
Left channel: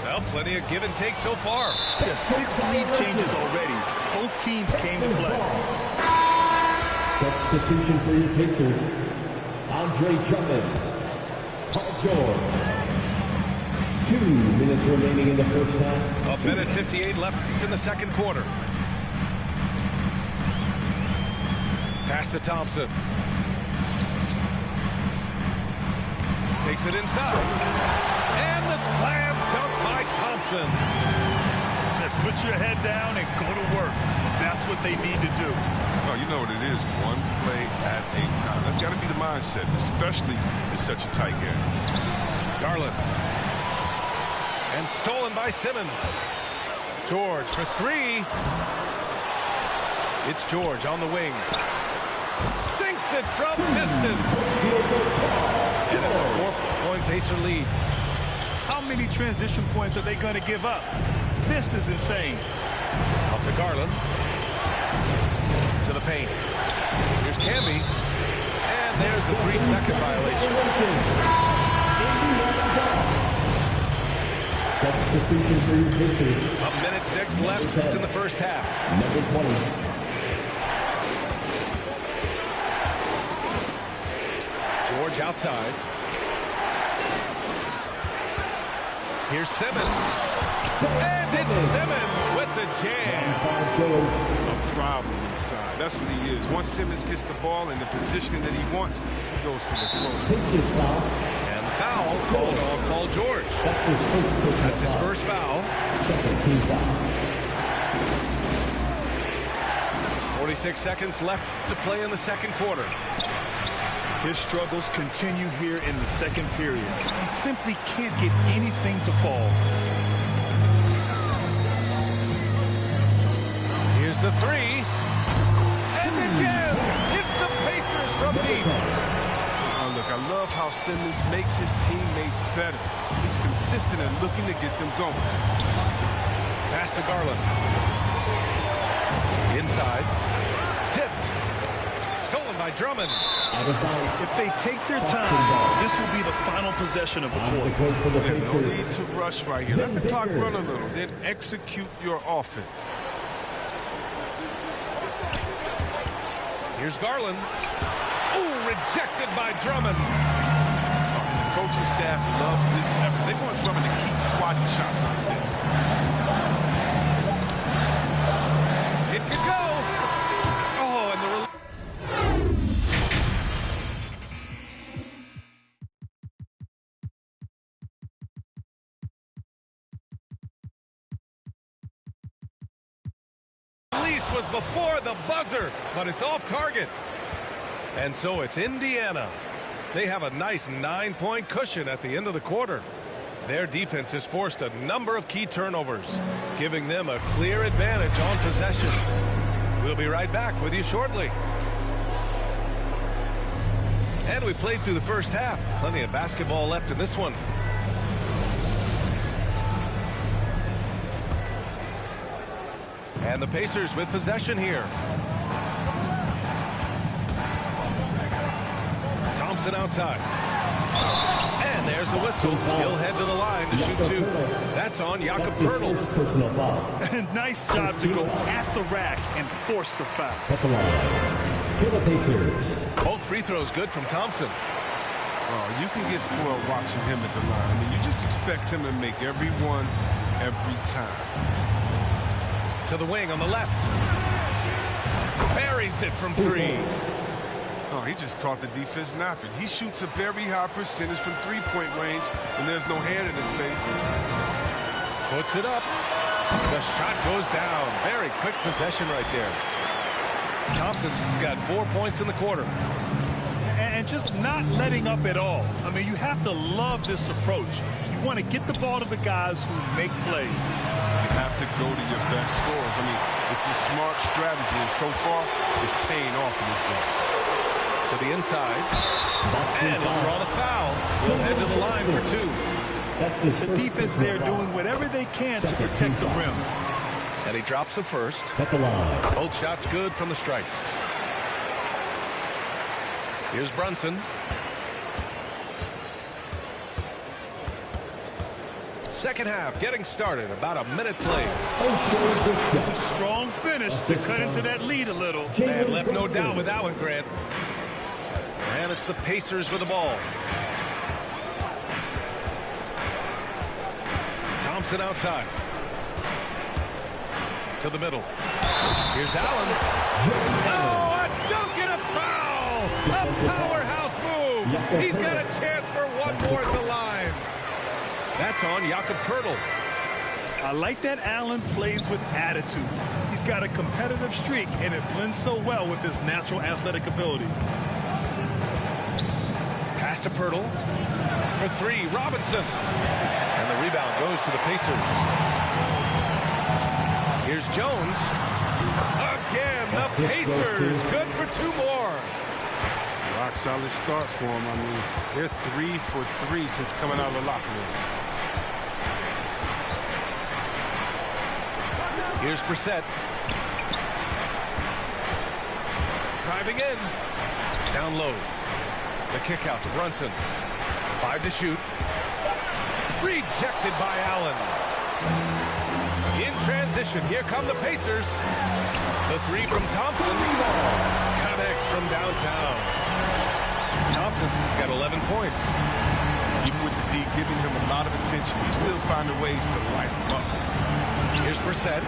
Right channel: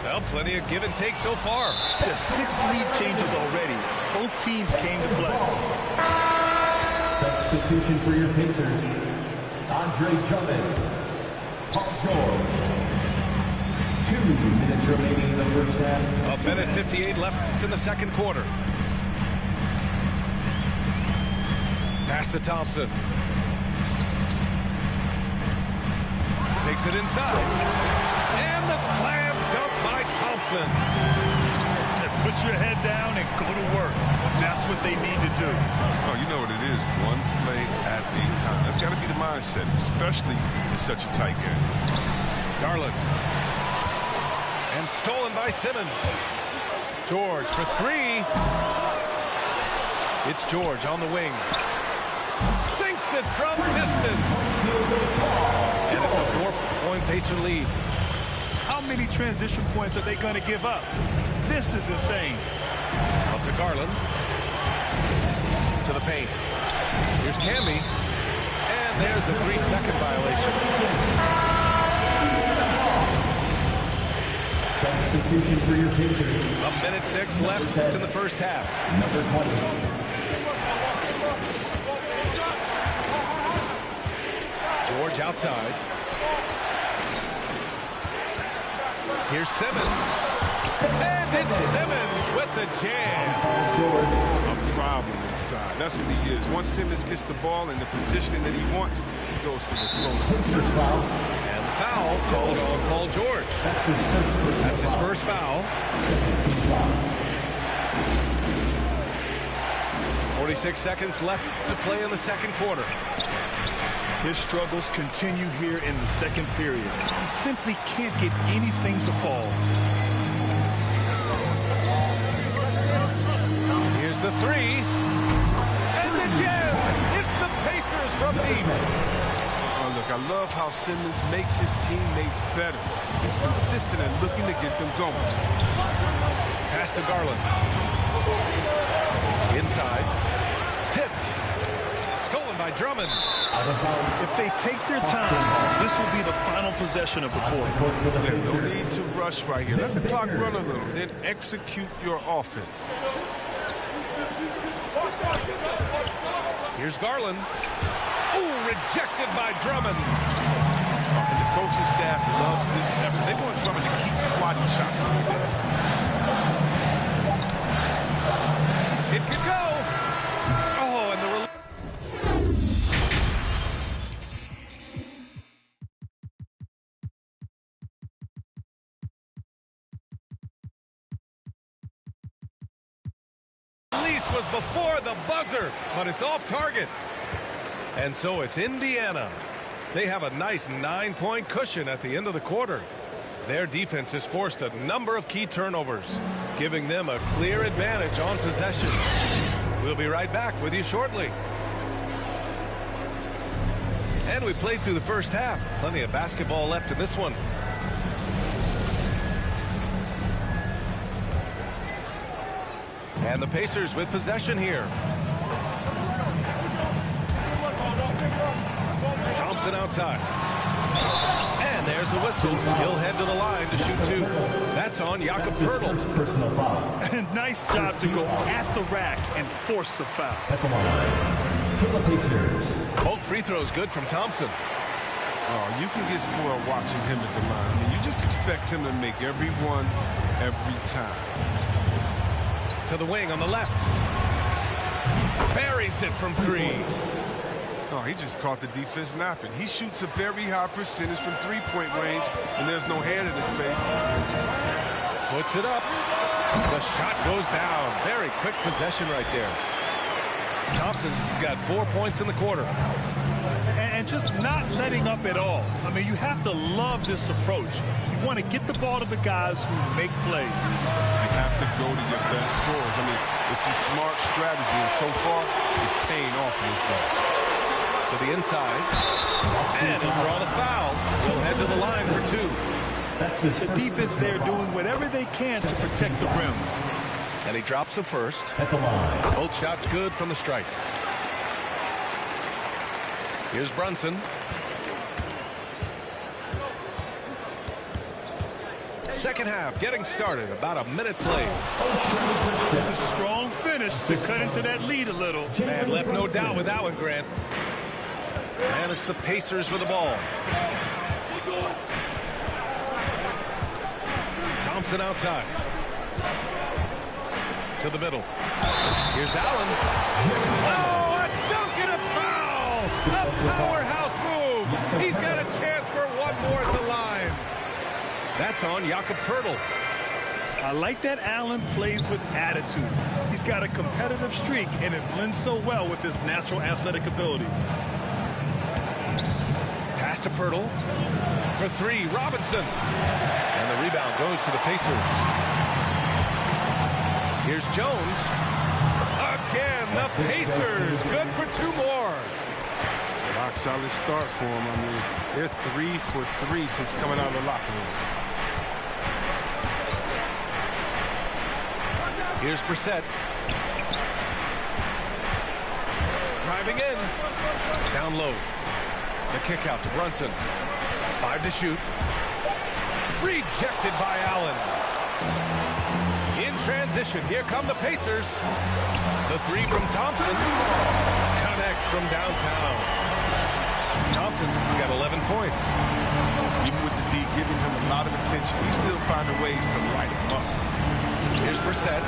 Well, plenty of give and take so far. The 6 lead changes already. Both teams came to play. Substitution for your Pacers. Andre Drummond. Paul George. 2 minutes remaining in the first half. A minute 58 left in the second quarter. Pass to Thompson. Takes it inside. And the slam dunk by Thompson. Put your head down and go to work. That's what they need to do. Oh, you know what it is. One play at a time. That's got to be the mindset, especially in such a tight game. Garland. And stolen by Simmons. George for 3. It's George on the wing. Sinks it from distance. And it's a 4-point Pacer lead. How many transition points are they going to give up? This is insane. Out to Garland. To the paint. Here's Camby. And there's a 3-second violation. Substitution for your Pacers. A minute 6 left in the first half. Number 20. George outside. Here's Simmons. And it's Simmons with the jam. A problem inside. That's what he is. Once Simmons gets the ball in the positioning that he wants, he goes for the throw. And the foul called on Paul George. That's his first foul. Second team foul. 46 seconds left to play in the second quarter. His struggles continue here in the second period. He simply can't get anything to fall. Here's the three. And again, it's the Pacers from deep. Oh, look, I love how Simmons makes his teammates better. He's consistent and looking to get them going. Pass to Garland. Inside. Tipped. Stolen by Drummond. If they take their time, this will be the final possession of the quarter. Yeah, no need to rush right here. Let the clock run a little, then execute your offense. Here's Garland. Oh, rejected by Drummond. And the coaching staff loves this effort. They want Drummond to keep swatting shots like this. It could go. Oh, and the release was before the buzzer, but it's off target. And so it's Indiana. They have a nice 9-point cushion at the end of the quarter. Their defense has forced a number of key turnovers, giving them a clear advantage on possession. We'll be right back with you shortly. And we played through the first half. Plenty of basketball left in this one. And the Pacers with possession here. Thompson outside. And there's a whistle. He'll head to the line to shoot two. That's on Jakob Poeltl. Personal foul. Nice job to go at the rack and force the foul. At the line for the Pacers. Both free throws good from Thompson. Oh, you can get spoiled watching him at the line. I mean, you just expect him to make every one, every time. To the wing on the left. Buries it from three. Oh, he just caught the defense napping. He shoots a very high percentage from three-point range, and there's no hand in his face. Puts it up. The shot goes down. Very quick possession right there. Thompson's got 4 points in the quarter. And just not letting up at all. I mean, you have to love this approach. You want to get the ball to the guys who make plays. You have to go to your best scorers. I mean, it's a smart strategy, and so far, it's paying off in this game. To the inside. And he'll draw the foul. He'll head to the line for two. The defense there doing whatever they can to protect the rim. And he drops the first. At the line. Both shots good from the stripe. Here's Brunson. Second half getting started. About a minute played. A strong finish to cut into that lead a little. Man, left no doubt with that one, Grant. And it's the Pacers with the ball. Thompson outside. To the middle. Here's Allen. Oh, a dunk and a foul! A powerhouse move! He's got a chance for one more at the line. That's on Jakob Poeltl. I like that Allen plays with attitude. He's got a competitive streak, and it blends so well with his natural athletic ability. Pass to Poeltl. For three, Robinson. And the rebound goes to the Pacers. Here's Jones. Again, the Pacers. Good for two more. Rock solid start for them. I mean, they're 3 for 3 since coming out of the locker room. Here's Brissett. Driving in. Down low. The kick out to Brunson. 5 to shoot. Rejected by Allen. In transition, here come the Pacers. The three from Thompson. Connects from downtown. Thompson's got 11 points. Even with the D giving him a lot of attention, he's still finding ways to light him up. Here's Brissett.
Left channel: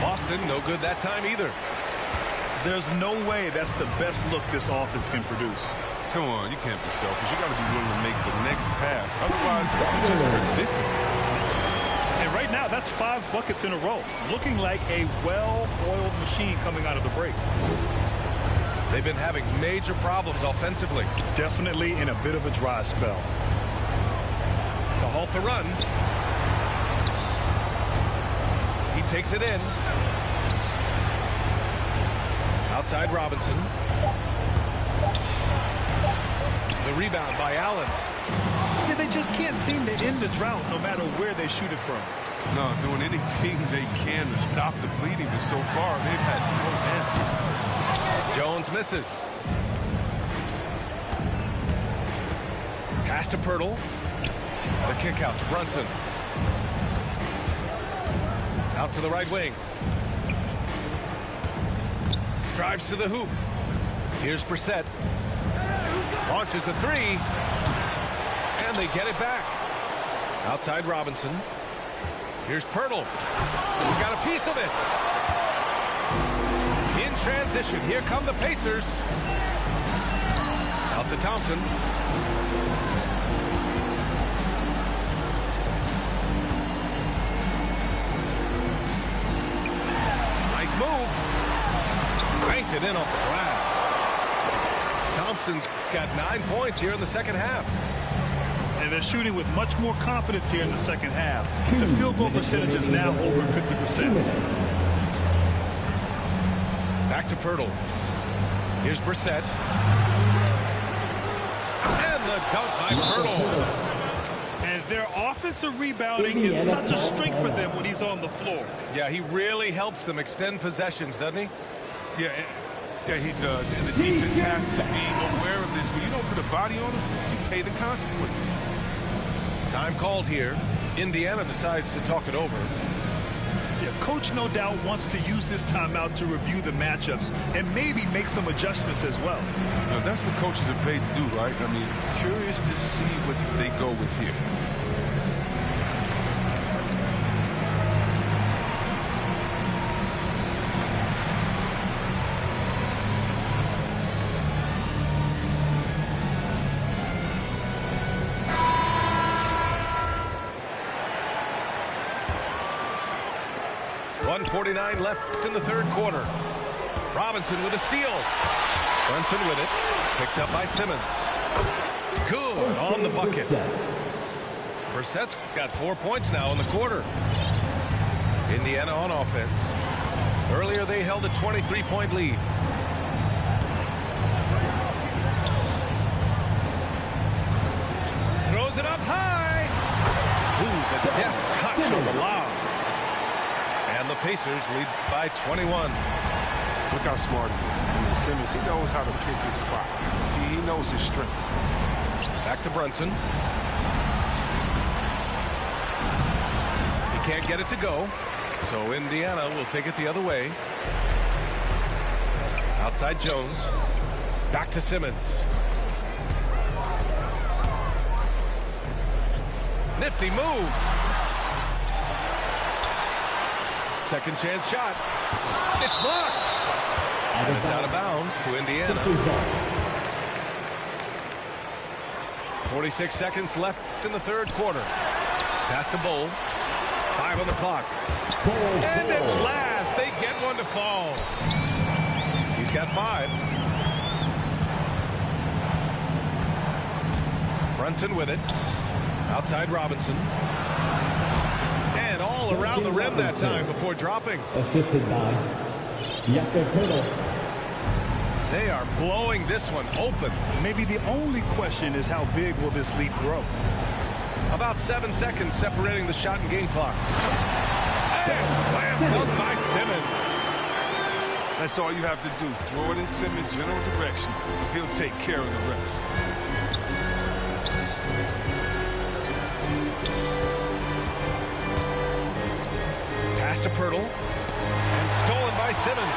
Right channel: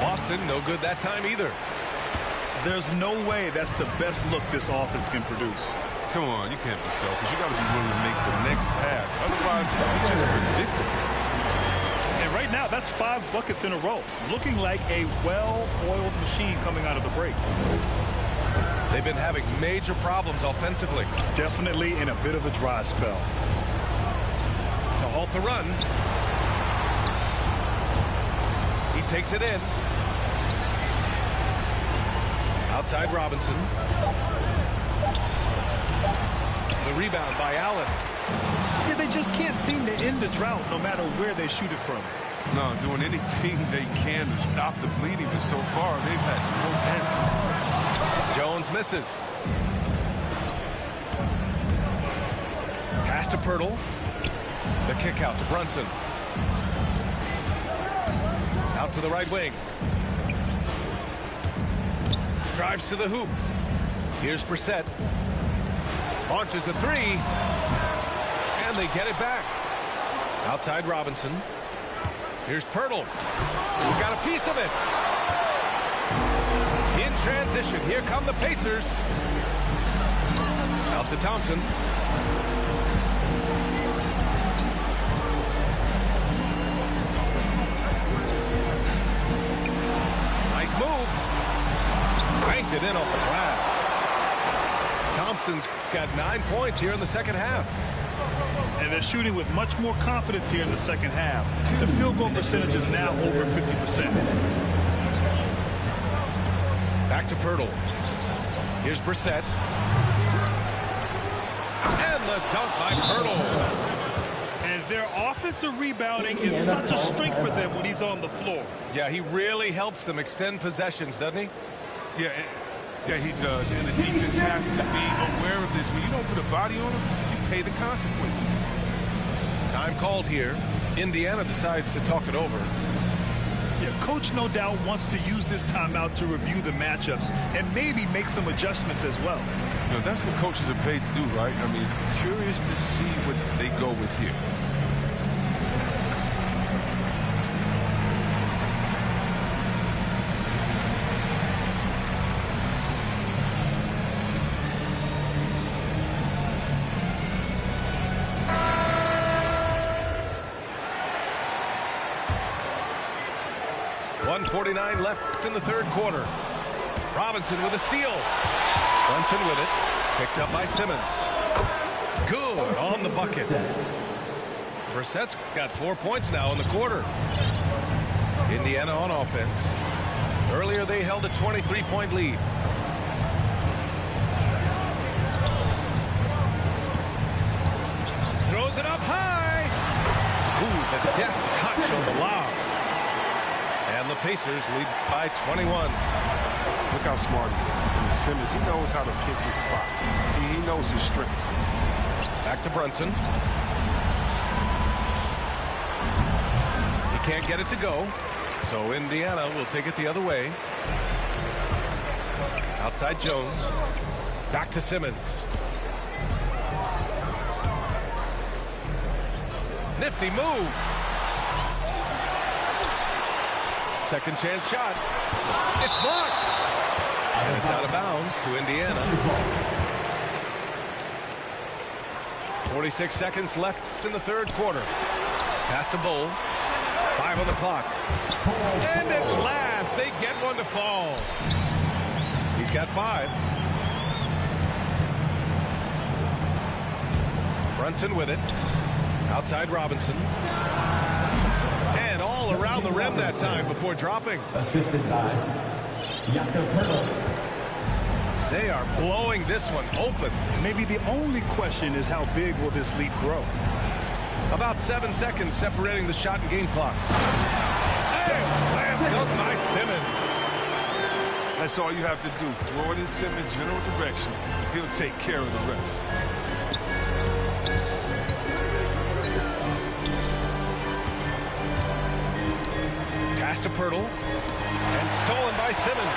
Boston, no good that time either. There's no way that's the best look this offense can produce. Come on, you can't be selfish. You got to be willing to make the next pass. Otherwise, it's just predictable. And right now, that's 5 buckets in a row. Looking like a well-oiled machine coming out of the break. They've been having major problems offensively. Definitely in a bit of a dry spell. To halt the run. He takes it in. Outside Robinson. The rebound by Allen. Yeah, they just can't seem to end the drought no matter where they shoot it from. No, doing anything they can to stop the bleeding, but so far they've had no answers. Jones misses. Pass to Pirtle. The kick out to Brunson. Out to the right wing. Drives to the hoop. Here's Brissett. Launches a 3. And they get it back. Outside Robinson. Here's Pirtle. We got a piece of it. In transition. Here come the Pacers. Out to Thompson. Nice move. Cranked it in off the glass. Thompson's got 9 points here in the second half. And they're shooting with much more confidence here in the second half. The field goal percentage is now over 50%. Back to Pirtle. Here's Brissett. And the dunk by Pirtle. And their offensive rebounding is such a strength for them when he's on the floor. Yeah, he really helps them extend possessions, doesn't he? Yeah, he does. And the defense has to be aware of this. When you don't put a body on him, you pay the consequences. Time called here. Indiana decides to talk it over. Yeah, coach no doubt wants to use this timeout to review the matchups and maybe make some adjustments as well. You know, that's what coaches are paid to do, right? I mean, curious to see what they go with here. .149 left in the third quarter. Robinson with a steal. Brunson with it. Picked up by Simmons. Good on the bucket. Brissett's got 4 points now in the quarter. Indiana on offense. Earlier they held a 23-point lead. Throws it up high. Ooh, the deft touch on the lob. And the Pacers lead by 21. Look how smart he is. I mean, Simmons, he knows how to pick his spots. He knows his strengths. Back to Brunson. He can't get it to go. So Indiana will take it the other way. Outside Jones. Back to Simmons. Nifty move. Second chance shot. It's blocked. And it's out of bounds to Indiana. 46 seconds left in the third quarter. Pass to Bull. 5 on the clock. And at last, they get one to fall. He's got 5. Brunson with it. Outside Robinson. And all around the rim that time before dropping. Assisted by Jakob Pirtle. They are blowing this one open. Maybe the only question is how big will this lead grow? About 7 seconds separating the shot and game clocks. And slam dunk by Simmons. That's all you have to do. Throw it in Simmons' general direction. He'll take care of the rest. Pass to Pirtle. And stolen by Simmons.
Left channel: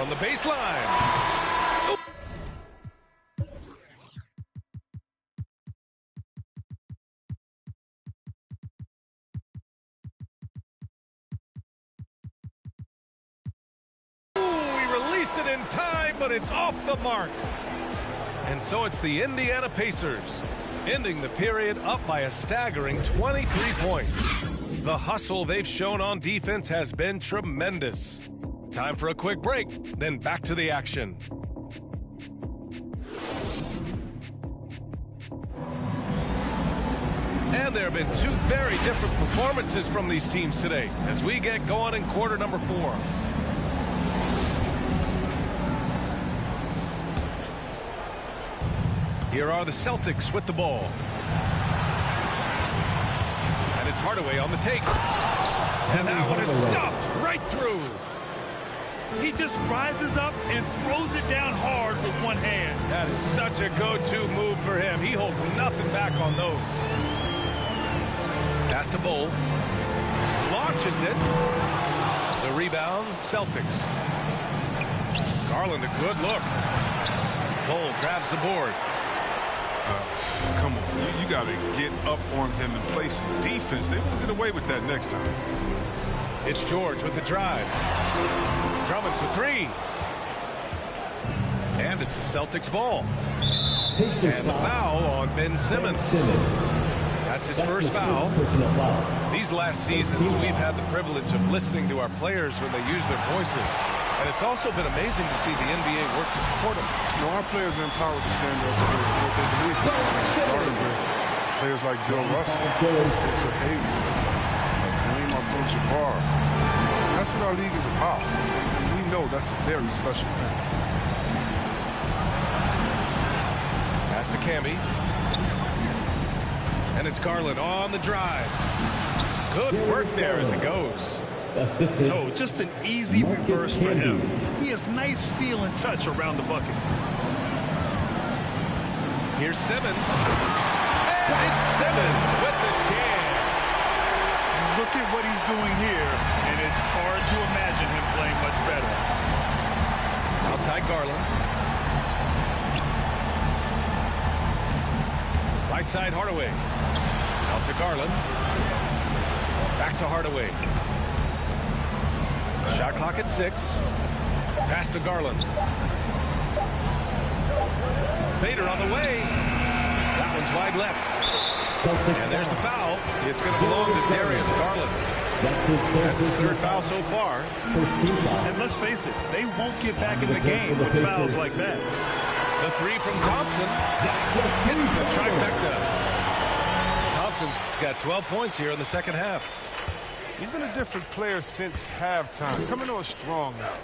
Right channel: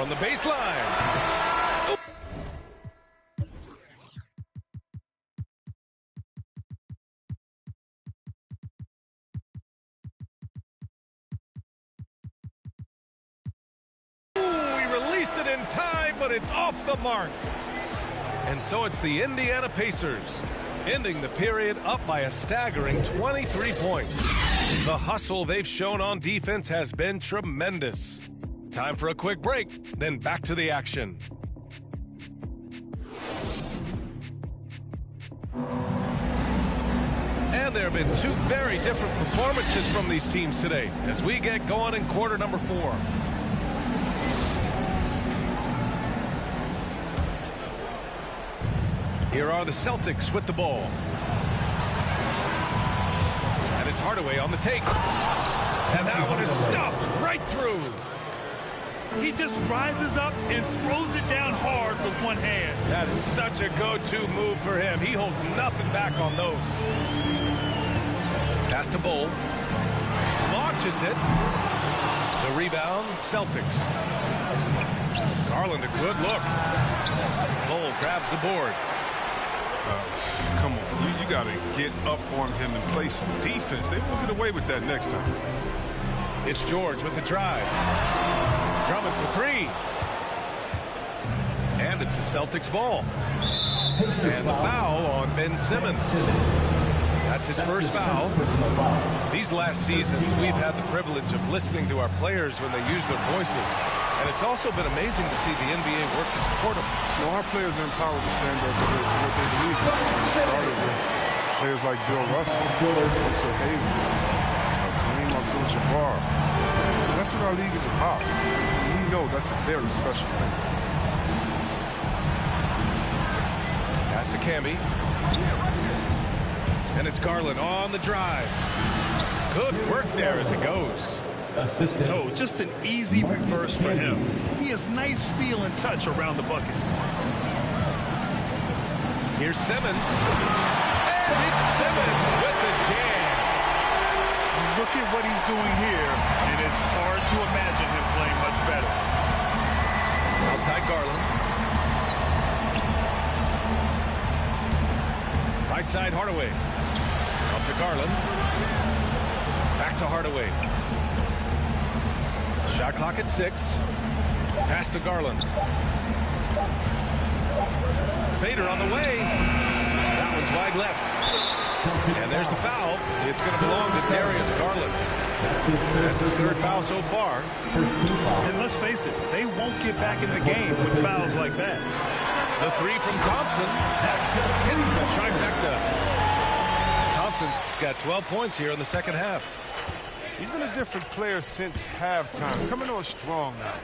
from the baseline. Ooh, he released it in time, but it's off the mark. And so it's the Indiana Pacers ending the period up by a staggering 23 points. The hustle they've shown on defense has been tremendous. Time for a quick break, then back to the action. And there have been two very different performances from these teams today as we get going in quarter number 4. Here are the Celtics with the ball. And it's Hardaway on the take. And that one is stuffed right through. He just rises up and throws it down hard with one hand. That is such a go-to move for him. He holds nothing back on those. Pass to Bull. Launches it. The rebound, Celtics. Garland, a good look. Bull grabs the board. Come on, you got to get up on him and play some defense. They won't get away with that next time. It's George with the drive. Drummond for 3. And it's the Celtics ball. And the foul on Ben Simmons. That's his first foul. These last seasons, we've had the privilege of listening to our players when they use their voices. And it's also been amazing to see the NBA work to support them. You know, our players are empowered to stand up for what they believe in. It started with players like Bill Russell, Spencer Haywood, Kareem Abdul-Jabbar. That's what our league is about. And we know that's a very special thing. Pass to Camby. And it's Garland on the drive. Good work there as it goes. Oh, just an easy reverse for him. He has nice feel and touch around the bucket. Here's Simmons. And it's Simmons with the jam. Look at what he's doing here, and it's hard to imagine him playing much better. Outside Garland. Right side Hardaway. Out to Garland. Back to Hardaway. Shot clock at 6. Pass to Garland. Fader on the way. That one's wide left. And there's the foul. It's going to belong to Darius Garland. That's his third foul so far. First team foul. And let's face it, they won't get back in the game with fouls like that. The 3 from Thompson hits the trifecta. Thompson's got 12 points here in the second half. He's been a different player since halftime. Coming on strong now.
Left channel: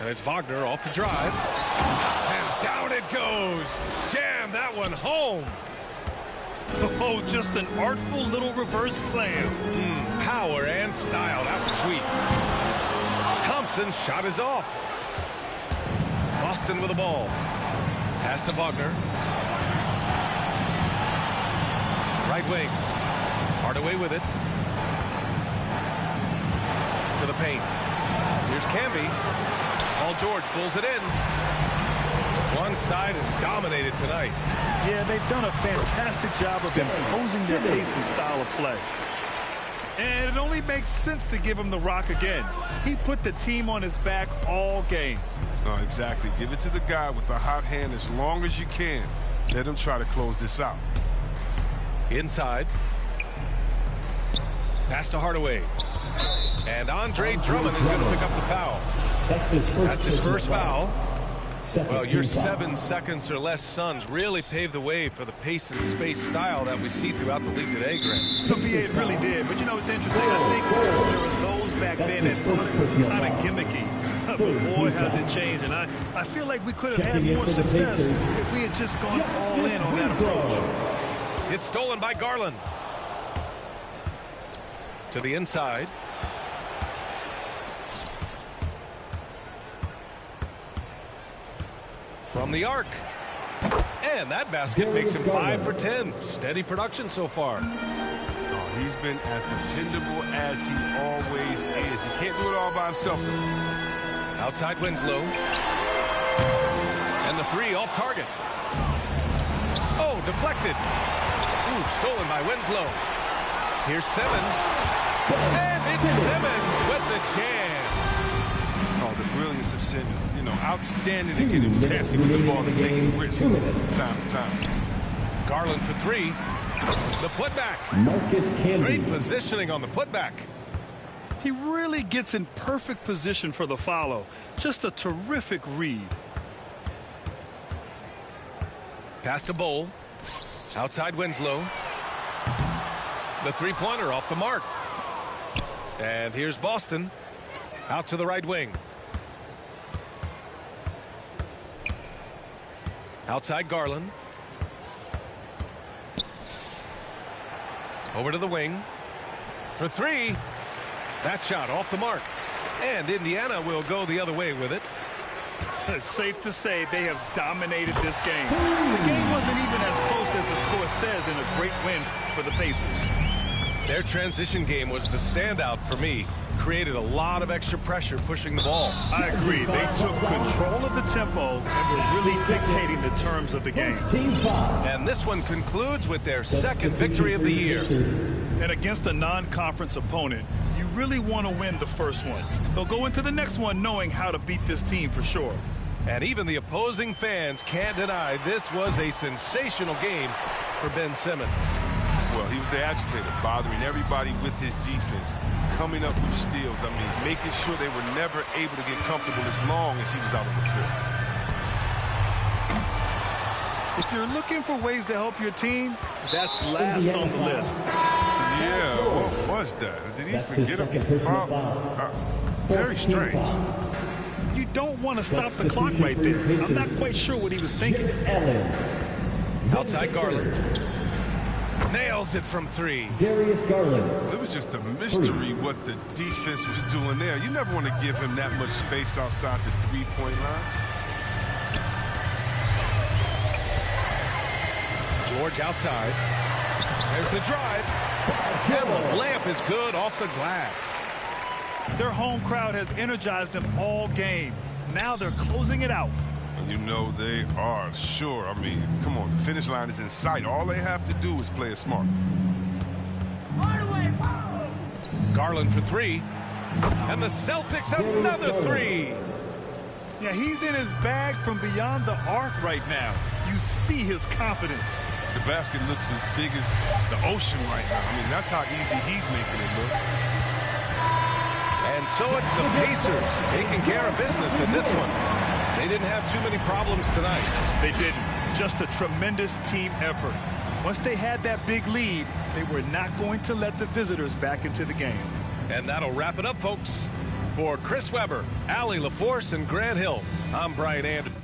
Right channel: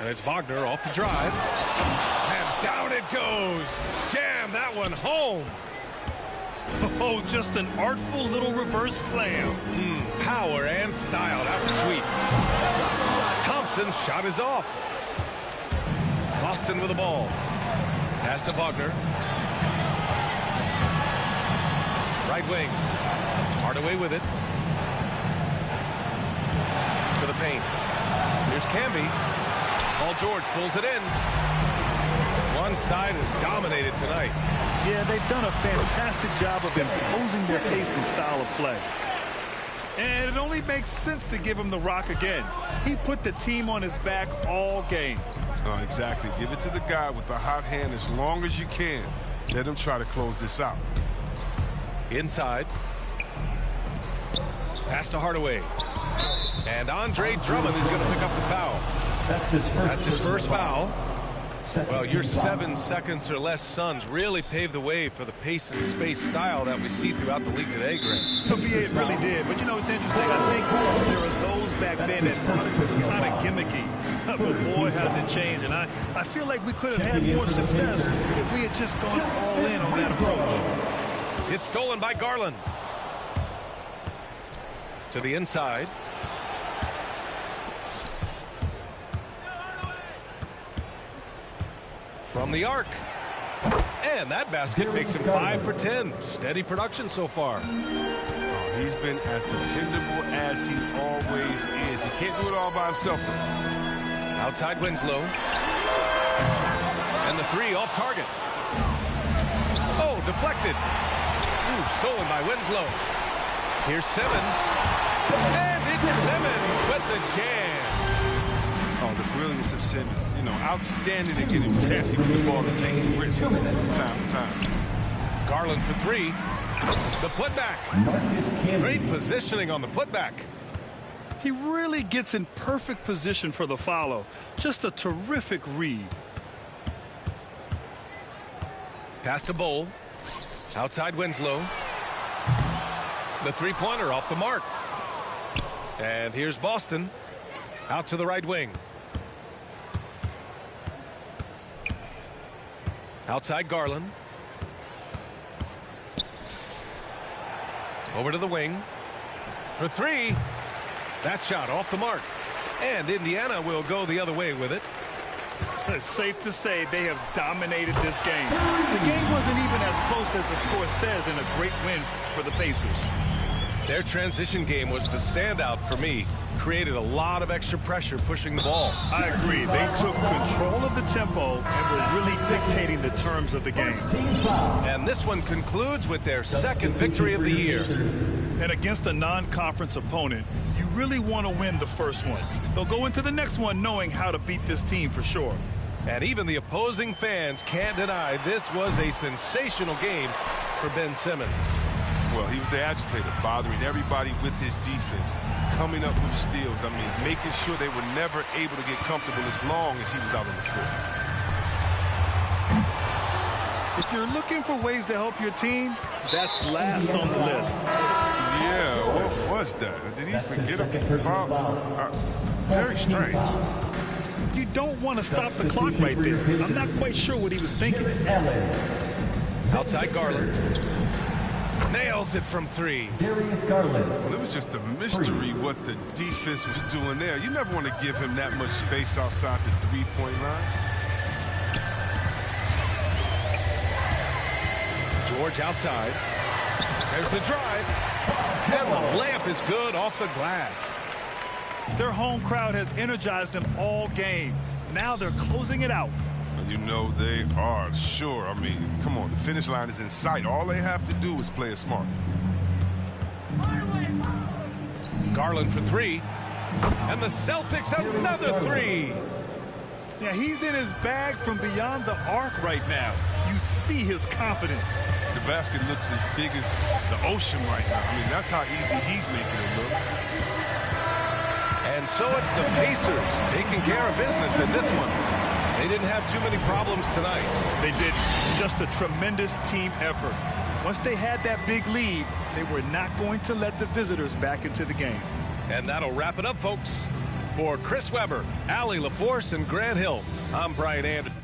And it's Wagner off the drive. And down it goes. Jam that one home. Oh, just an artful little reverse slam. Power and style. That was sweet. Thompson's shot is off. Boston with the ball. Pass to Wagner. Right wing. Hardaway with it. To the paint. Here's Camby. Paul George pulls it in. One side is dominated tonight. Yeah, they've done a fantastic job of imposing their pace and style of play. And it only makes sense to give him the rock again. He put the team on his back all game. Oh, exactly. Give it to the guy with the hot hand as long as you can. Let him try to close this out. Inside. Pass to Hardaway. And Andre Drummond is going to pick up the foul. That's his first foul. Well, your 7 seconds or less Suns really paved the way for the pace and space style that we see throughout the league today, Greg. It really did. But, you know, it's interesting. I think there were those back then that thought it was kind of gimmicky. But, boy, has it changed. And I feel like we could have had more success if we had just gone all in on that approach. It's stolen by Garland. To the inside. From the arc. And that basket makes him 5 for 10. Steady production so far. Oh, He's been as dependable as he always is. He can't do it all by himself. Outside Winslow. And the three off target. Oh, deflected. Ooh, stolen by Winslow. Here's Simmons. And it's Simmons with the jam. Oh, the brilliance of Simmons. You know, outstanding at getting fancy with the ball and taking risks time to time. Garland for three. The putback. Great positioning on the putback. He really gets in perfect position for the follow. Just a terrific read. Pass to Bowl. Outside Winslow. The three-pointer off the mark. And here's Boston. Out to the right wing. Outside Garland. Over to the wing. For three. That shot off the mark. And Indiana will go the other way with it. It's safe to say they have dominated this game. The game wasn't even as close as the score says in a great win for the Pacers. Their transition game was the standout for me. Created a lot of extra pressure pushing the ball. I agree. They took control of the tempo and were really dictating the terms of the game. And this one concludes with their second victory of the year. And against a non-conference opponent, you really want to win the first one. They'll go into the next one knowing how to beat this team for sure. And even the opposing fans can't deny this was a sensational game for Ben Simmons. Well, he was the agitator, bothering everybody with his defense, coming up with steals. I mean, making sure they were never able to get comfortable as long as he was out on the floor. If you're looking for ways to help your team, that's last on the list. Yeah, what was that? Did he forget a foul? Very strange. You don't want to stop the clock right there. I'm not quite sure what he was thinking. Outside Garland. Nails it from three. Darius Garland. Well, it was just a mystery what the defense was doing there. You never want to give him that much space outside the three-point line. George outside. There's the drive. And the layup is good off the glass. Their home crowd has energized them all game. Now they're closing it out. And you know they are, sure. I mean, come on, the finish line is in sight. All they have to do is play it smart. Garland for three. And the Celtics another three. Yeah, he's in his bag from beyond the arc right now. You see his confidence. The basket looks as big as the ocean right now. I mean, that's how easy he's making it look. And so it's the Pacers taking care of business in this one. They didn't have too many problems tonight. They didn't. Just a tremendous team effort. Once they had that big lead, they were not going to let the visitors back into the game. And that'll wrap it up, folks. For Chris Webber, Allie LaForce, and Grant Hill, I'm Brian Anderson.